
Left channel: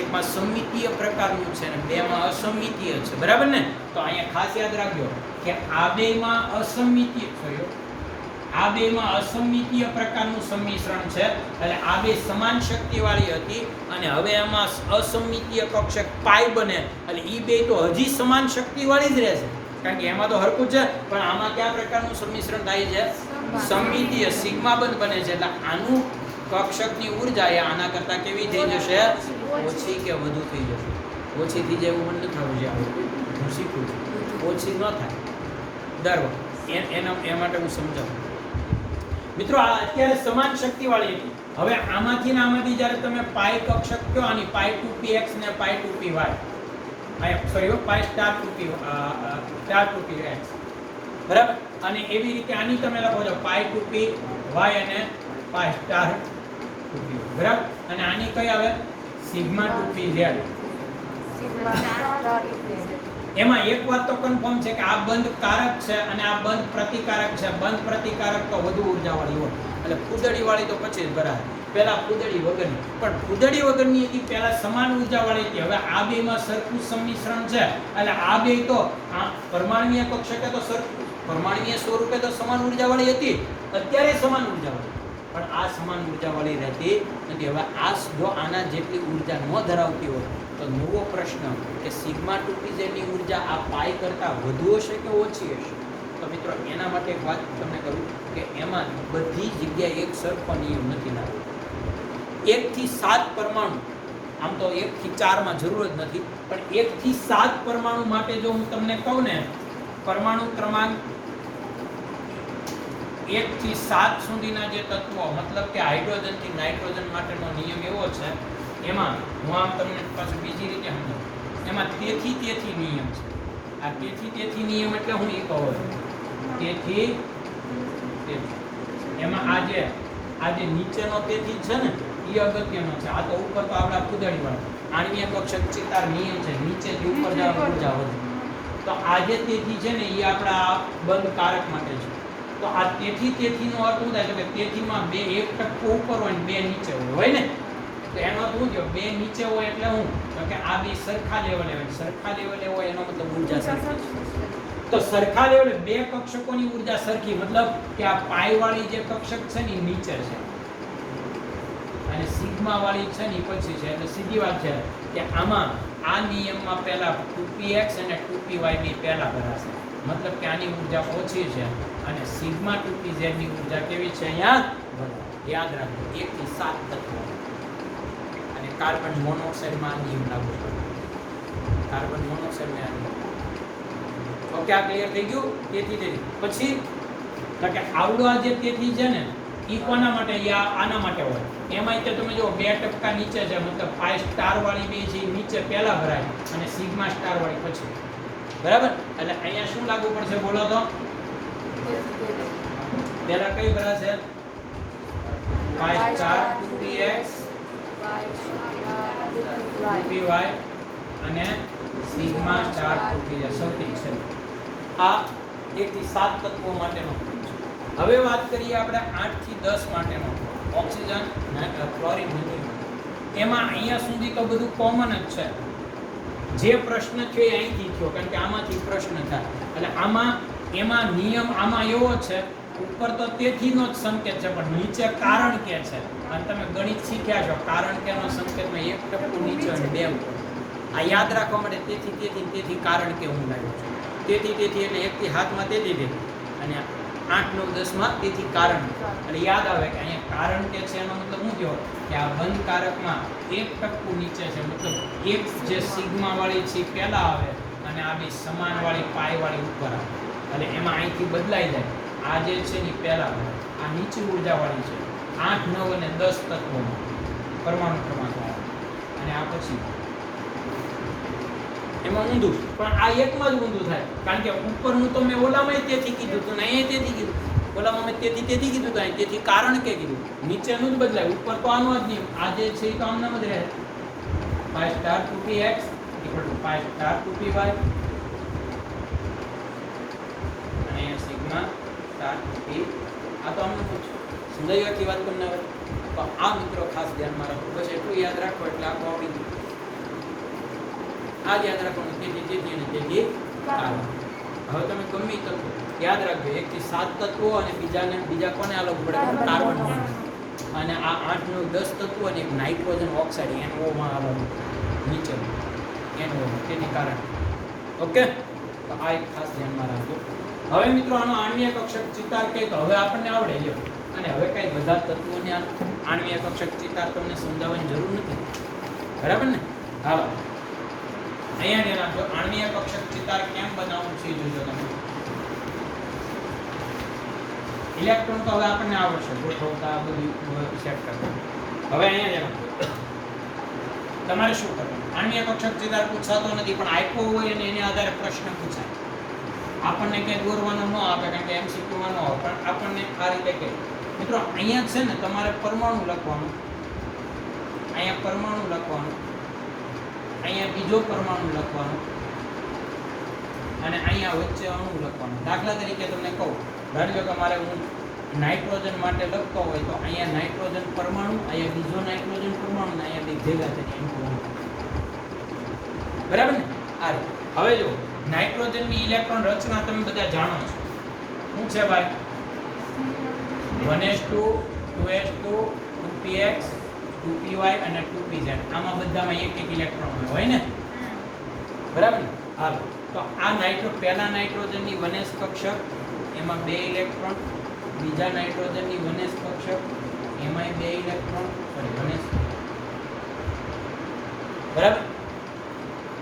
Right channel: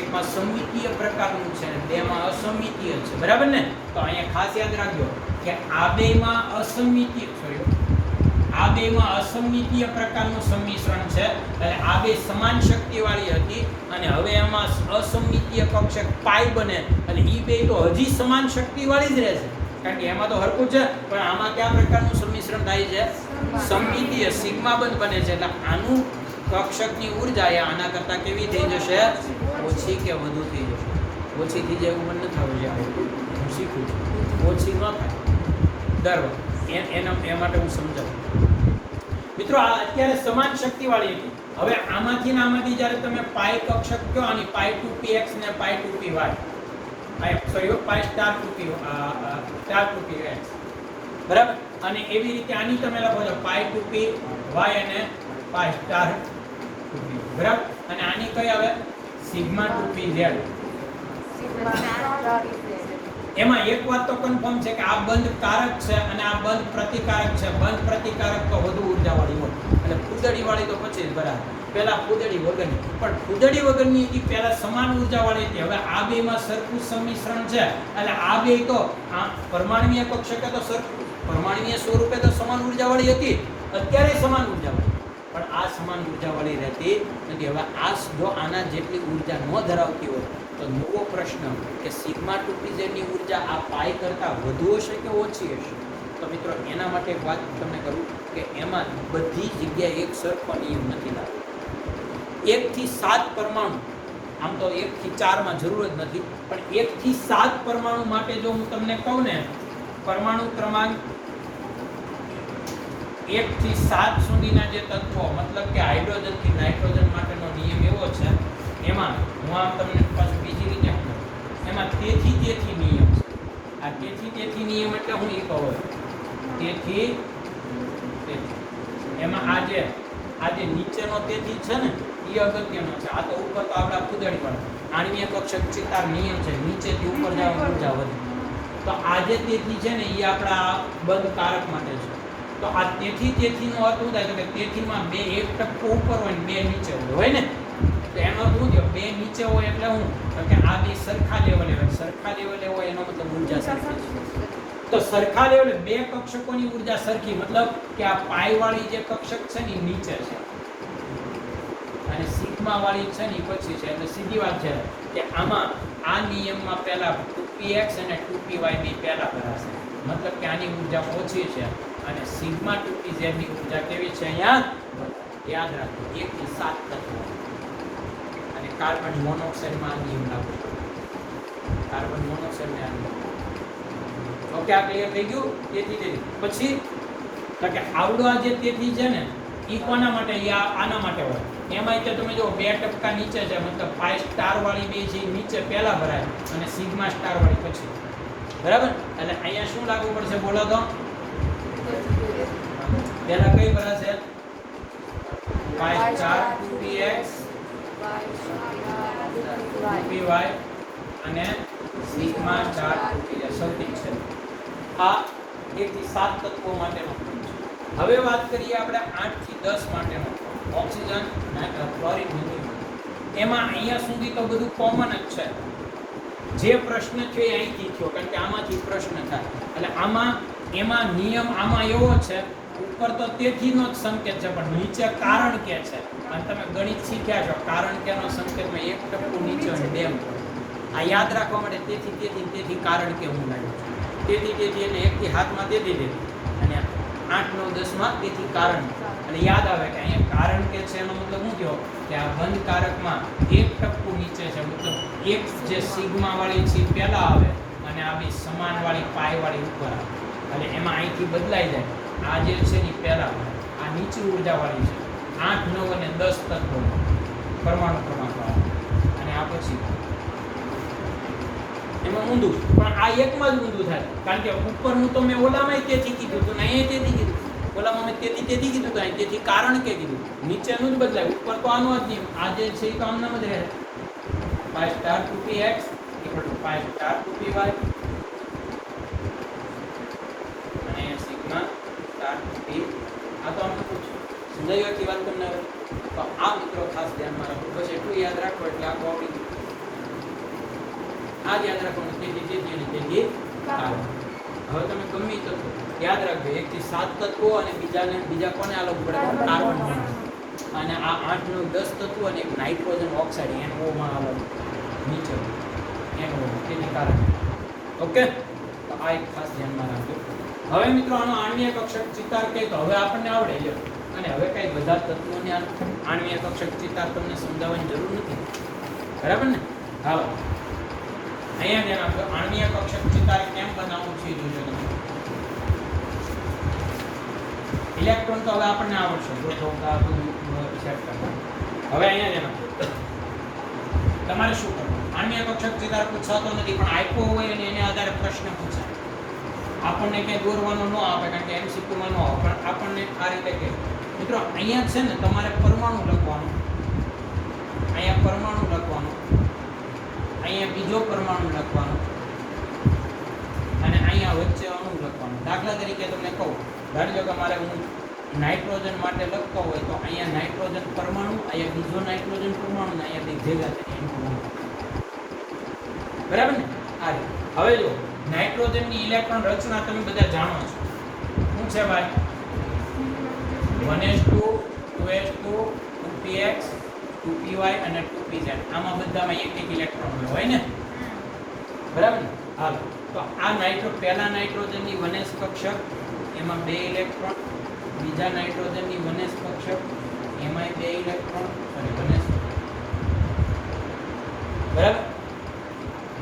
એકમાં સમમિતીય પ્રકારનું છે અને બેમાં અસમમિતીય છે. બરાબર ને? તો અહીંયા ખાસ યાદ રાખજો કે આ બેમાં અસમમિતીય પ્રકારનું સંમિશ્રણ છે. એટલે આ બે સમાન શક્તિવાળી હતી અને હવે એમાં અસમમિતીય કક્ષક પાઈ બને એટલે ઈ બે તો હજી સમાન શક્તિવાળી જ રહેશે, કારણ કે એમાં તો હરખું છે. પણ આમાં કયા પ્રકારનું સંમિશ્રણ થાય છે? સમમિતીય સિગ્મા બંધ બને છે. એટલે આનું કક્ષકની ઊર્જા એ આના કરતા કેવી થઈ જશે? ઓછી કે વધુ થઈ જશે? ઓછી થઈ જાય એવું મને નથી થવું જોઈએ. હું શીખું ઓછી ન થાય દર વખતે એ માટે હું સમજાવું. મિત્રો આ અત્યારે સમાન શક્તિવાળી હતી હવે આમાંથી ને આમાંથી જ્યારે તમે પાઈ કક્ષક કહો આની પાઈ 2px ને પાઈ 2py સોરી પાઈ સ્ટાર 2px બરાબર, અને એવી રીતે આની તમે લખો છો પાઈ 2py અને પાઈ સ્ટાર 2py બરાબર, અને આની કઈ આવે સિગ્મા 2pz. એમાં એક વાત તો કન્ફર્મ છે કે આ બંધ કારક છે અને આ બંધ પ્રતિકારક છે. બંધ પ્રતિકારક તો વધુ ઉર્જાવાળી હોય, એટલે ફૂદડી વાળી તો પછી બરાબર, પહેલા ફૂદડી વગરની, પણ ફૂદડી વગરની હતી પહેલા સમાન ઉર્જાવાળી હતી. હવે આ બેમાં સરખું સંમિશ્રણ છે, એટલે આ બે તો આ પરમાણુય કક્ષકે તો સરખું પરમાણુય સ્વરૂપે તો સમાન ઉર્જાવાળી હતી, અત્યારે સમાન ઉર્જાવાળી, પણ આ સમાન ઉર્જાવાળી રહેતી નથી. હવે આ જો આના જેટલી ઉર્જા ન ધરાવતી હોય તો નવો પ્રશ્ન કે સિગ્મા 2pz ની ઉર્જા આ પાઈ કરતાં વધુ હશે કે ઓછી હશે? તો મિત્રો એના માટે એક વાત તમને કરું કે એમાં બધી જગ્યાએ એક સરખો નિયમ નથી લાગતો. 1 થી 7 પરમાણુ, આમ તો 1 થી 4 માં જરૂર જ નથી, પણ 1 થી 7 પરમાણુ માટે જો હું તમને કહું ને, પરમાણુ ક્રમાંક 1 થી 7 સુધીના જે તત્વો, મતલબ કે હાઇડ્રોજન થી નાઇટ્રોજન માટેનો નિયમ એવો છે, એમાં હું આમ તમને પાછું બીજી રીતે સમજાવું, એમાં તેથી નિયમ છે. આ તેથી નિયમ એટલે હું એ કહું તેથી એમાં આ જે નીચેનો તેથી છે ને એ અગત્યનો છે. આ તો ઉપર તો આપણા ફૂદડી વાળા આણ્વીય કક્ષક ચિતાર નિયમ છે, નીચેથી ઉપર જવા ઉર્જા વધે. તો આ જે તેથી છે ને એ આપણા બંધ કારક માટે છે. તો આ તેથીનો અર્થ શું થાય છે કે તેથીમાં 1% ઉપર હોય ને 2 નીચે હોય ને, તો એનો અર્થ શું થયો? 2 નીચે હોય એટલે હું કે આ બે સરખા લેવલે હોય, સરખા લેવલે હોય એનો મતલબ ઉર્જા સરખી. તો સરખા લેવલે 2 કક્ષકોની ઉર્જા સરખી, મતલબ કે આ પાઈ વાળી જે કક્ષક છે ને નીચે છે અને સિગ્મા વાળી છે ને પછી છે. એટલે સીધી વાત છે કે આમાં આ નિયમમાં પહેલા 2px અને 2py ની પહેલા ભરાશે, મતલબ કે આની ઉર્જા ઓછી છે અને સિગ્મા 2pz ની ઉર્જા કેવી છે અહીંયા યાદ રાખો 1 થી 7 તત્વો. અને કાર્બન મોનોક્સાઇડમાં આ નિયમ લાગુ પડે, કાર્બન મોનોક્સાઇડમાં ઓકે. આ ક્લિયર થઈ ગયું? તેથી પછી કે આવડો આ જે તેથી છે ને ઈ કોના માટે? આના માટે હોય. એમાં તમે જો 2% નીચે છે, મતલબ 5 સ્ટાર વાળી બે છે નીચે પહેલા ભરાય અને સિગ્મા સ્ટાર વાળી પછી, બરાબર? એટલે અહીંયા શું લાગુ પડશે બોલો તો? પહેલા કઈ ભરાશે? 5 સ્ટાર 2px 2py અને સિગ્મા સ્ટાર 2pz સૌથી છે. આ 1 થી 7 તત્વો માટેનું. હવે વાત કરીએ આપણે 8 થી 10 માટેનો, ઓક્સિજન, ક્લોરીન. એમાં અહીંયા સુધી તો બધું કોમન જ છે. જે પ્રશ્ન છે એ અહીંથી થયો, કારણ કે આમાંથી પ્રશ્ન થાય. એટલે એમાં નિયમ આમાં એવો છે, ઉપર તો તેથીનો જ સંકેત છે પણ નીચે કારણ કે છે. અને તમે ગણિત શીખ્યા છો, કારણ કેનો સંકેતમાં 1% નીચે અને 2 ઉપર. આ યાદ રાખવા માટે તેથી કારણ કે હું લાવ્યો છું. તેથી એટલે 1 થી 7 માં તેથી અને 8, 9, 10 માં તેથી કારણ. એટલે યાદ આવે કે અહીંયા કારણ કે છે એનો મતલબ શું થયો કે આ બંધ કારકમાં 1% નીચે છે, મતલબ એક જે સિગ્મા વાળી છે પહેલા આવે અને આ બે સમાન વાળી પાઈ વાળી ઉપર આવે. એટલે એમાં અહીંથી બદલાઈ જાય. આ જે છે એ પહેલા આવે, આ નીચી ઉર્જા વાળી છે 8, 9 અને 10 તત્વો પરમાણુ ક્રમાંક આવે, અને આ પછી એમાં ઊંધું. પણ આ એકમાં જ ઊંધું થાય, કારણ કે ઉપરનું તો મેં ઓલામાં તેથી કીધું હતું ને અહીંયા તેથી કીધું, ઓલામાં મેં તેથી કીધું હતું, તેથી કારણ કે કીધું. નીચેનું જ બદલાય, ઉપર તો આનો જ નિયમ. આ જે છે એ તો આમનામ જ રહે. 5 સ્ટાર 2px = 5 સ્ટાર 2py અને અહીંયા સિગ્મા સ્ટાર 2p. આ તો અમને પૂછો સમજાય કે વાત તમને આવે તો આ મિત્રો ખાસ ધ્યાનમાં રાખો. બસ એટલું યાદ રાખો એટલે આપણું આવી ગયું. આ યાદ રાખવાનું તેથી કારણ. હવે તમે ગમે તો યાદ રાખજો 1 થી 7 તત્વો અને બીજા કોને અલગ પડે? કાર્બન. અને આ 8, 9, 10 તત્વો અને એક નાઇટ્રોજન ઓક્સાઇડ NO માં અલગ નીચે NO તેની કારણ. ઓકે, તો આ એક ખાસ ધ્યાનમાં રાખજો. હવે મિત્રો આનો આણ્વીય કક્ષક ચિતાર કહે તો હવે આપણને આવડે છે, અને હવે કઈ બધા તત્વોને આણ્વીય કક્ષક ચિતાર તમને સમજાવવાની જરૂર નથી, બરાબર ને? હા, અહીંયા ધ્યાન આપજો. આણ્વીય કક્ષક ચિતાર કેમ બનાવવું છે જોજો તમે. ઇલેક્ટ્રોન તો હવે આપણને આવડશે ગોઠવતા બધું સેટ કરતા. હવે અહીંયા જરા તમારે શું કરવાનું? આણ્વીય કક્ષક ચિત્ર પૂછાતો નથી પણ આપ્યો હોય અને એના આધારે પ્રશ્ન પૂછાય. આપણને કંઈ દોરવાનો ન આપે કારણ કે એમસીક્યુમાં ન આવે પણ આપણને આ રીતે કહે મિત્રો અહીંયા છે ને તમારે પરમાણુ લખવાનું, અહીંયા પરમાણુ લખવાનું, અહીંયા બીજો પરમાણુ લખવાનો અને અહીંયા વચ્ચે અણુ લખવાનો. દાખલા તરીકે તમને કહું, ધારી લો કે મારે હું નાઇટ્રોજન માટે લખતો હોય તો અહીંયા નાઇટ્રોજન પરમાણુ, અહીંયા બીજો નાઇટ્રોજન પરમાણુ ને અહીંયા બે ભેગા થાય. બરાબર ને? આ હવે જો નાઇટ્રોજનની ઇલેક્ટ્રોન રચના તમે બધા જાણો છો. શું છે ભાઈ? 1s2 2s2 2px 2py અને 2pz. આમાં બધામાં એક એક ઇલેક્ટ્રોન હોય ને? બરાબર ને? હાલો તો આ પહેલા નાઇટ્રોજનની 1s કક્ષક એમાં 2 ઇલેક્ટ્રોન, બીજા નાઇટ્રોજનની 1s કક્ષક એમાંય 2 ઇલેક્ટ્રોન, સોરી 1s. બરાબર?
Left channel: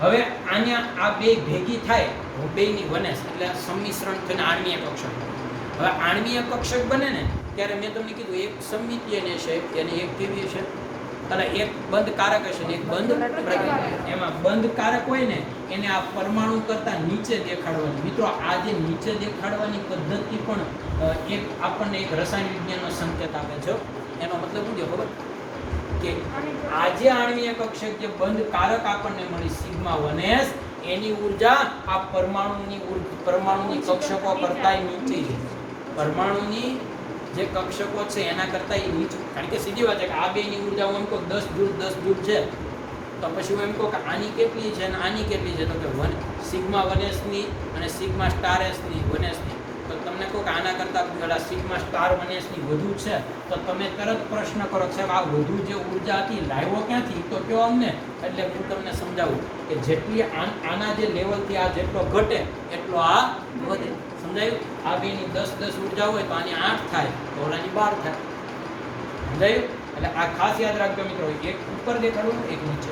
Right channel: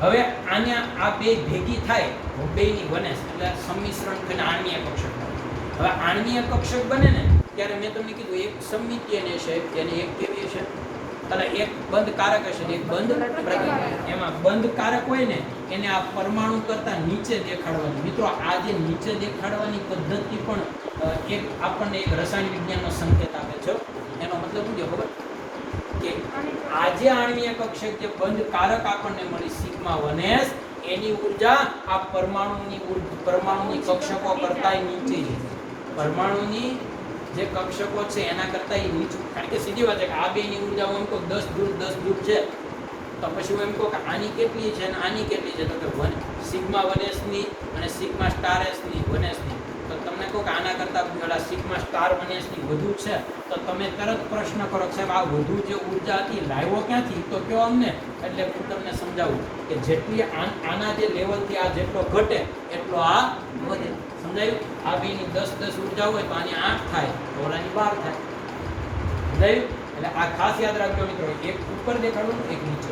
હવે આના આ બે ભેગી થાય બેની 1s એટલે આ સંમિશ્રણ થઈને આણ્વીય કક્ષક. હવે આણ્વીય કક્ષક બને ને ત્યારે મેં તમને કીધું એક સમમિતીય છે એને એક કેવી છે અને એક બંધ કારક હશે એક બંધ. એમાં બંધ કારક હોય ને એને આ પરમાણુ કરતા નીચે દેખાડવાનું. મિત્રો આ જે નીચે દેખાડવાની પદ્ધતિ પણ એક આપણને એક રસાયણ વિજ્ઞાનનો સંકેત આપે છે. એનો મતલબ શું છે ખબર? કે આજે આણ્વીય કક્ષક જે બંધ કારક આપણને મળી સિગ્મા 1s એની ઊર્જા આ પરમાણુની કક્ષકો કરતા નીચે છે. પરમાણુની જે કક્ષકો છે એના કરતા નીચું. કારણ કે સીધી વાત છે કે આ બેની ઊર્જા હું એમ કહું 10 જૂલ છે તો પછી હું એમ કહું કે આની કેટલી છે અને આની કેટલી છે તો કે સિગ્મા 1s ની અને સિગ્મા સ્ટાર s ની 1s ની. તો તમને કહું કે આના કરતા પેલા સિગ્મા સ્ટાર 1s ની વધુ છે તો તમે તરત પ્રશ્ન કરો સાહેબ આ વધુ જે ઊર્જા હતી લાવ્યો ક્યાંથી? તો કયો અમને. એટલે હું તમને સમજાવું કે જેટલી આના જે લેવલથી આ જેટલો ઘટે એટલો આ વધે. સમજાયું? આ બેની 10 ઊર્જા હોય તો આની 8 થાય તો ઓલાની 12 થાય. સમજાયું? એટલે આ ખાસ યાદ રાખજો મિત્રો, એક ઉપર દેખાડવું એક નીચે.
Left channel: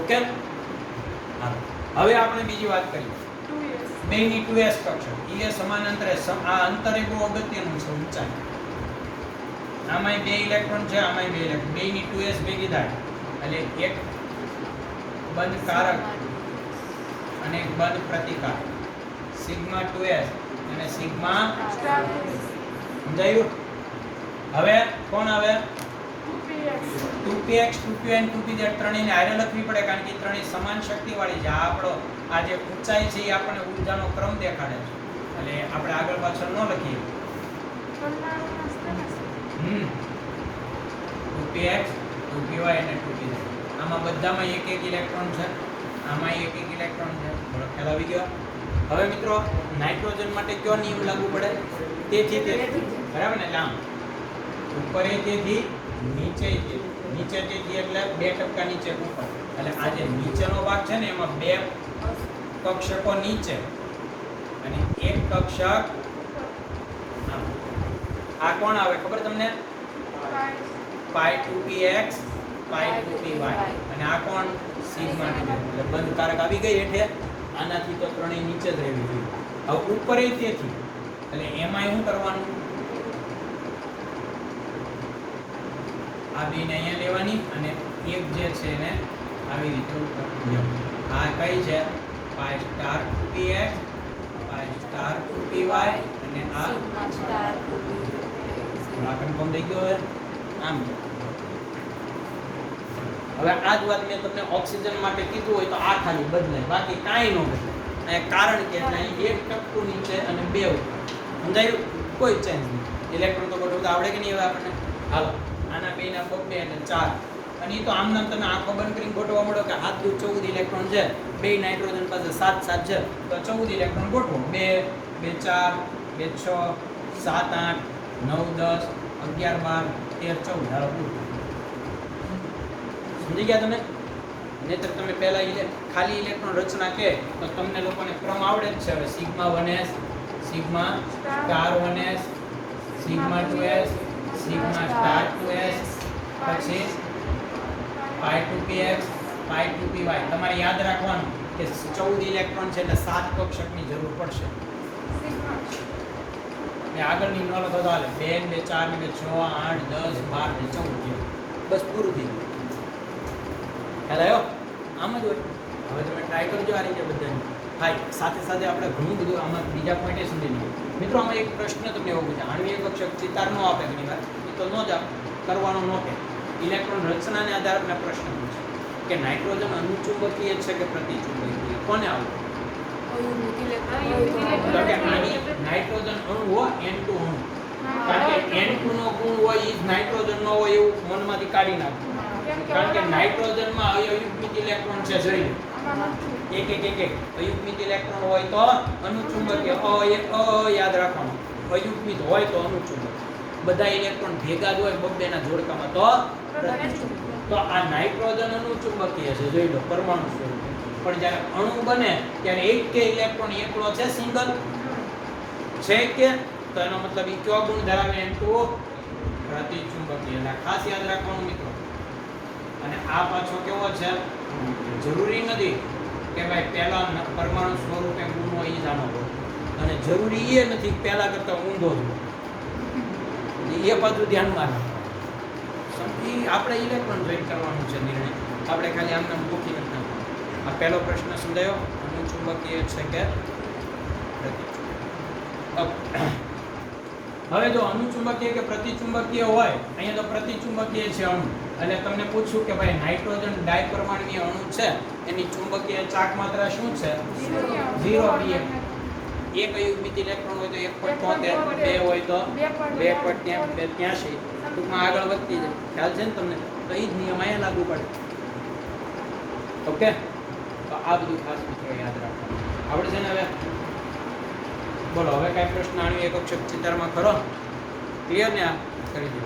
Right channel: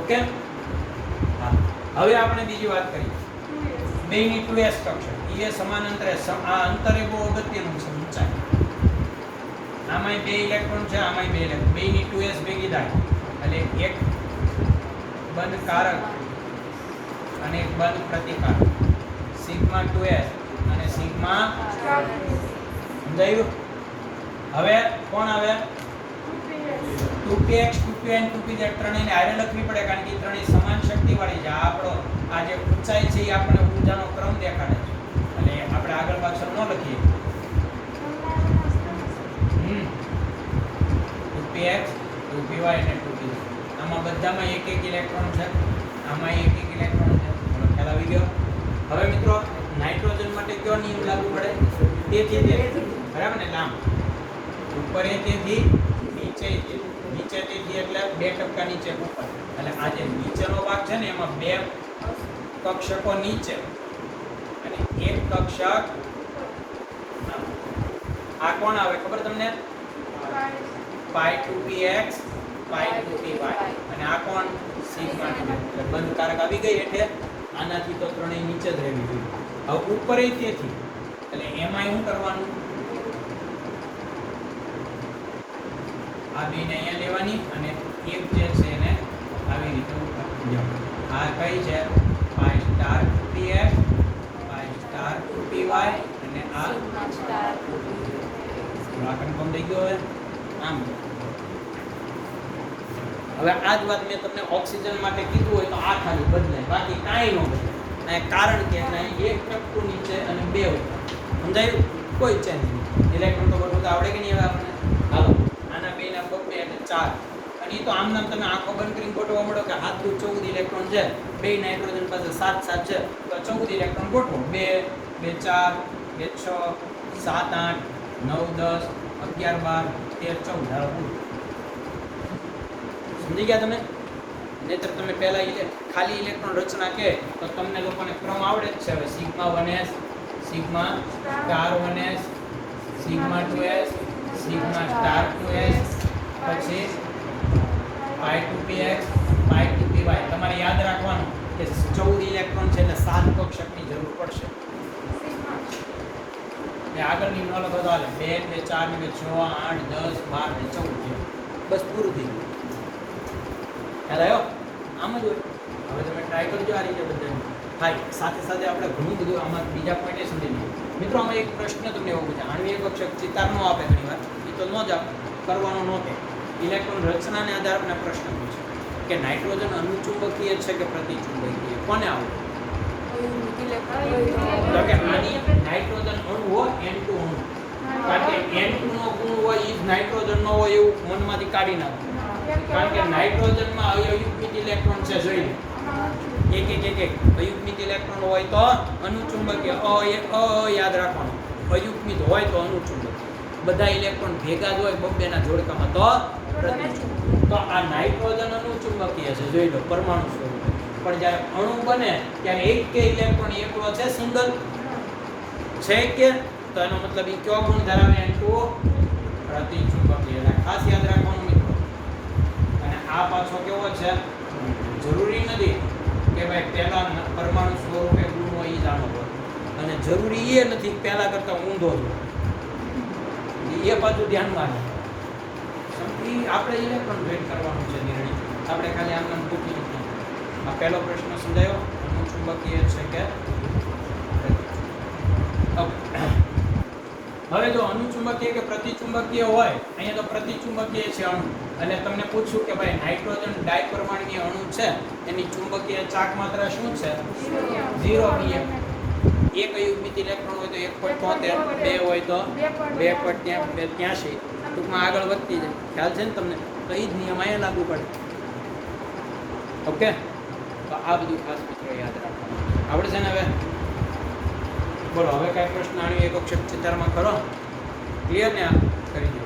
ઓકે? હવે આપણે બીજી વાત કરીએ. બેની 2s કક્ષક એ સમાનાંતરે આ અંતરે બહુ અગત્યનું છે ઊંચાઈ. આમાંય 2 ઇલેક્ટ્રોન છે, આમાંય 2 ઇલેક્ટ્રોન. બેની 2s ભેગી થાય એટલે એક બંધ કારક અને એક બંધ પ્રતિકાર. સિગ્મા 2s અને સિગ્મા સમજાયું? હવે કોણ આવે? 2px 2py અને 2pz ત્રણેયને હારે લખવી પડે કારણ કે ત્રણેય સમાન શક્તિ વાળી છે. આ આપણો આ જે ઊંચાઈ છે એ આપણે ઊર્જાનો ક્રમ દેખાડે છે એટલે આપણે આગળ પાછળ ન લખીએ. 2px 2py અને 2pz આમાં બધામાં એક એક ઇલેક્ટ્રોન છે, આમાં એક એક ઇલેક્ટ્રોન છે. ખ્યાલ આવી ગયો? હવે મિત્રો નાઇટ્રોજન માટે કયો નિયમ લાગુ પડે? તેથી બરાબર ને? આમ ઉપર તેથી નીચે તેથી એટલે 2% નીચે ઉપર. એટલે આ જે નીચેનો ભાગ છે ને એમાં 2 કક્ષકો નીચે અને એક કક્ષક. આ કોણ આવે ખબર તમને? પાઈ 2px પાઈ 2py અને આ કોણ? સિગ્મા 2. એટલે બંધ કારક આવી ગઈ એટલે આનાથી તો ત્રણેય નીચે જ રહેવી જોઈએ. હવે ઉપર તેથી એટલે એમાં શું કરવાનું? આ બેને અહીંયા લેવાની અને એક જે છે એને આવી રીતે ઉપર. આ કઈ છે? પાઈ સ્ટાર 2px પાઈ સ્ટાર 2py અને આ કન્ફર્મ થઈ ગયો. આમ હવે આ જ વાત મેં તમને ઓક્સિજન માટે કીધું હોય તો આ ખાલી બદલાય, બાકી કાંઈ ન બદલાય. અહીંયા કારણ કે અહીં 1% નીચે અને 2 ઉપર. સમજાયું? કોઈ ચેન્જ નહીં. ઇલેક્ટ્રોન તો બધું આવડે કે નહીં? આપણને હાલો આના બેના બબ્બે એટલે 4 અને એ તો આમ નામ તમે આંખો બંધ કરીને ગોઠવવા મળો કે હાથ 14 ઇલેક્ટ્રોન છે, 2 નાઇટ્રોજન પાસે 7 છે તો 14 ઇલેક્ટ્રોન ગોઠવો. 2 2 4 2 6 7 8 9 10 11 12 13 14. સમજી ગયા તમે? નહીતર તમે પહેલા ખાલી ઇલેક્ટ્રોન રચના કે તો તમને લોકોને ક્રમ આવડે જ છે. હવે sigma 1s sigma star 1s sigma 2s sigma star 2s પછી પાઈ 2px પાઈ 2py. તમારે યાદ રાખવાનું કે 14 ઇલેક્ટ્રોન છે એટલે 7 કક્ષકની જરૂર પડશે. એ આગળની નો લખો તો હાલે 2 ને 4 ને 6 8 10 12 ને 14 બસ પૂરું થઈ ગયું. ખ્યાલ આવ્યો? આમ જ હોય. હવે તમે ટ્રાય કરજો આ રીતે બધું થાય. સાથે સાથે આપણે ઘણું બધું આમાં બીજા પોઈન્ટે સમજી લઈએ. મિત્રો આમાં એક પ્રશ્ન તમને એવો પૂછે, આણ્વિક કક્ષક ચિતાર નો આપે ઘણી વાર, એ તો ન જ કરવાનો નો કે ઇલેક્ટ્રોન રચનાને આધારે આપણે પ્રશ્ન પૂછે કે નાઇટ્રોજન અનુચુંબકીય છે કે પ્રતિચુંબકીય, કોને આવે? તો કે નાઇટ્રોજન અણુ હોય N2 અણુ, કારણ કે N2 નો ગુણ હોય એ જ નાઇટ્રોજન નો હોય એવું મનમાંથી કાઢી નાખો. કારણ કે નાઇટ્રોજનમાં અયુગ્મિત ઇલેક્ટ્રોન છે, જોઈ લો એક અયુગ્મિત ઇલેક્ટ્રોન હોય તો અનુચુંબકીય, યાદ રાખવાનું, અયુગ્મિત હોય તો અનુચુંબક, બધા ઇલેક્ટ્રોન ભેગા જ હોય બબ્બેના જોડકામાં તો પ્રતિચુંબક. તો આ નાઇટ્રોજન અનુચુંબકીય છે, જોઈ લો પરમાણુ સ્વરૂપે. પણ જ્યારે અણુ બને ત્યારે એક કે ઇલેક્ટ્રોન એકલો છે સુંદર છે કે, તો એનો મતલબ એ કયો ગુણ ધરાવે? N2 પ્રતિચુંબકીય. એટલે ખાસ યાદ રાખવાનું મિત્રો. અને આ પાછો કેવો છે? જરૂરી નથી કે ભાઈ પહેલા પરમાણુ સ્વરૂપે ગુણ હોય એ જાણો હોય, અને જરૂરી એ નથી પહેલા કરતા ઊંધો છે, એ પાછું ધ્યાનમાં રાખો. આપણે ઇલેક્ટ્રોન જોઈન કરવાનું છે નિર્ણય, આપણે ખાલી આમ પૂછી નથી. આ પહેલો પ્રશ્ન સમજાયો, અનુચુંબકીય છે કે હવે જો અનુચુંબકીય કે પ્રતિચુંબકીય હોય, અહીંયા તો પ્રતિચુંબકીય છે અણુ, અને તમને પૂછ્યું કે ભાઈ નાઇટ્રોજન ડાયપરમાણુય અણુ છે, એની ચુંબકીય ચાક માત્રા શું છે? 0 pm. એક અયુગ્મિત ઇલેક્ટ્રોન હોય તો 1.73, બે હોય તો 2.83, ટૂંકમાં આગળ વધતી જાય. ખ્યાલ છે ને તમને? તો એ જ નિયમ અહીંયા લાગુ પડે. ઓકે, તો આ બધું ખાસ મિત્રો યાદ રાખવાનું આવડે છે ને? હવે બોલો, હવે કાંઈ પ્રશ્ન આણ્વિક કક્ષક ચિતારમાં કરો? ક્લિયર ને? આ કરી દો.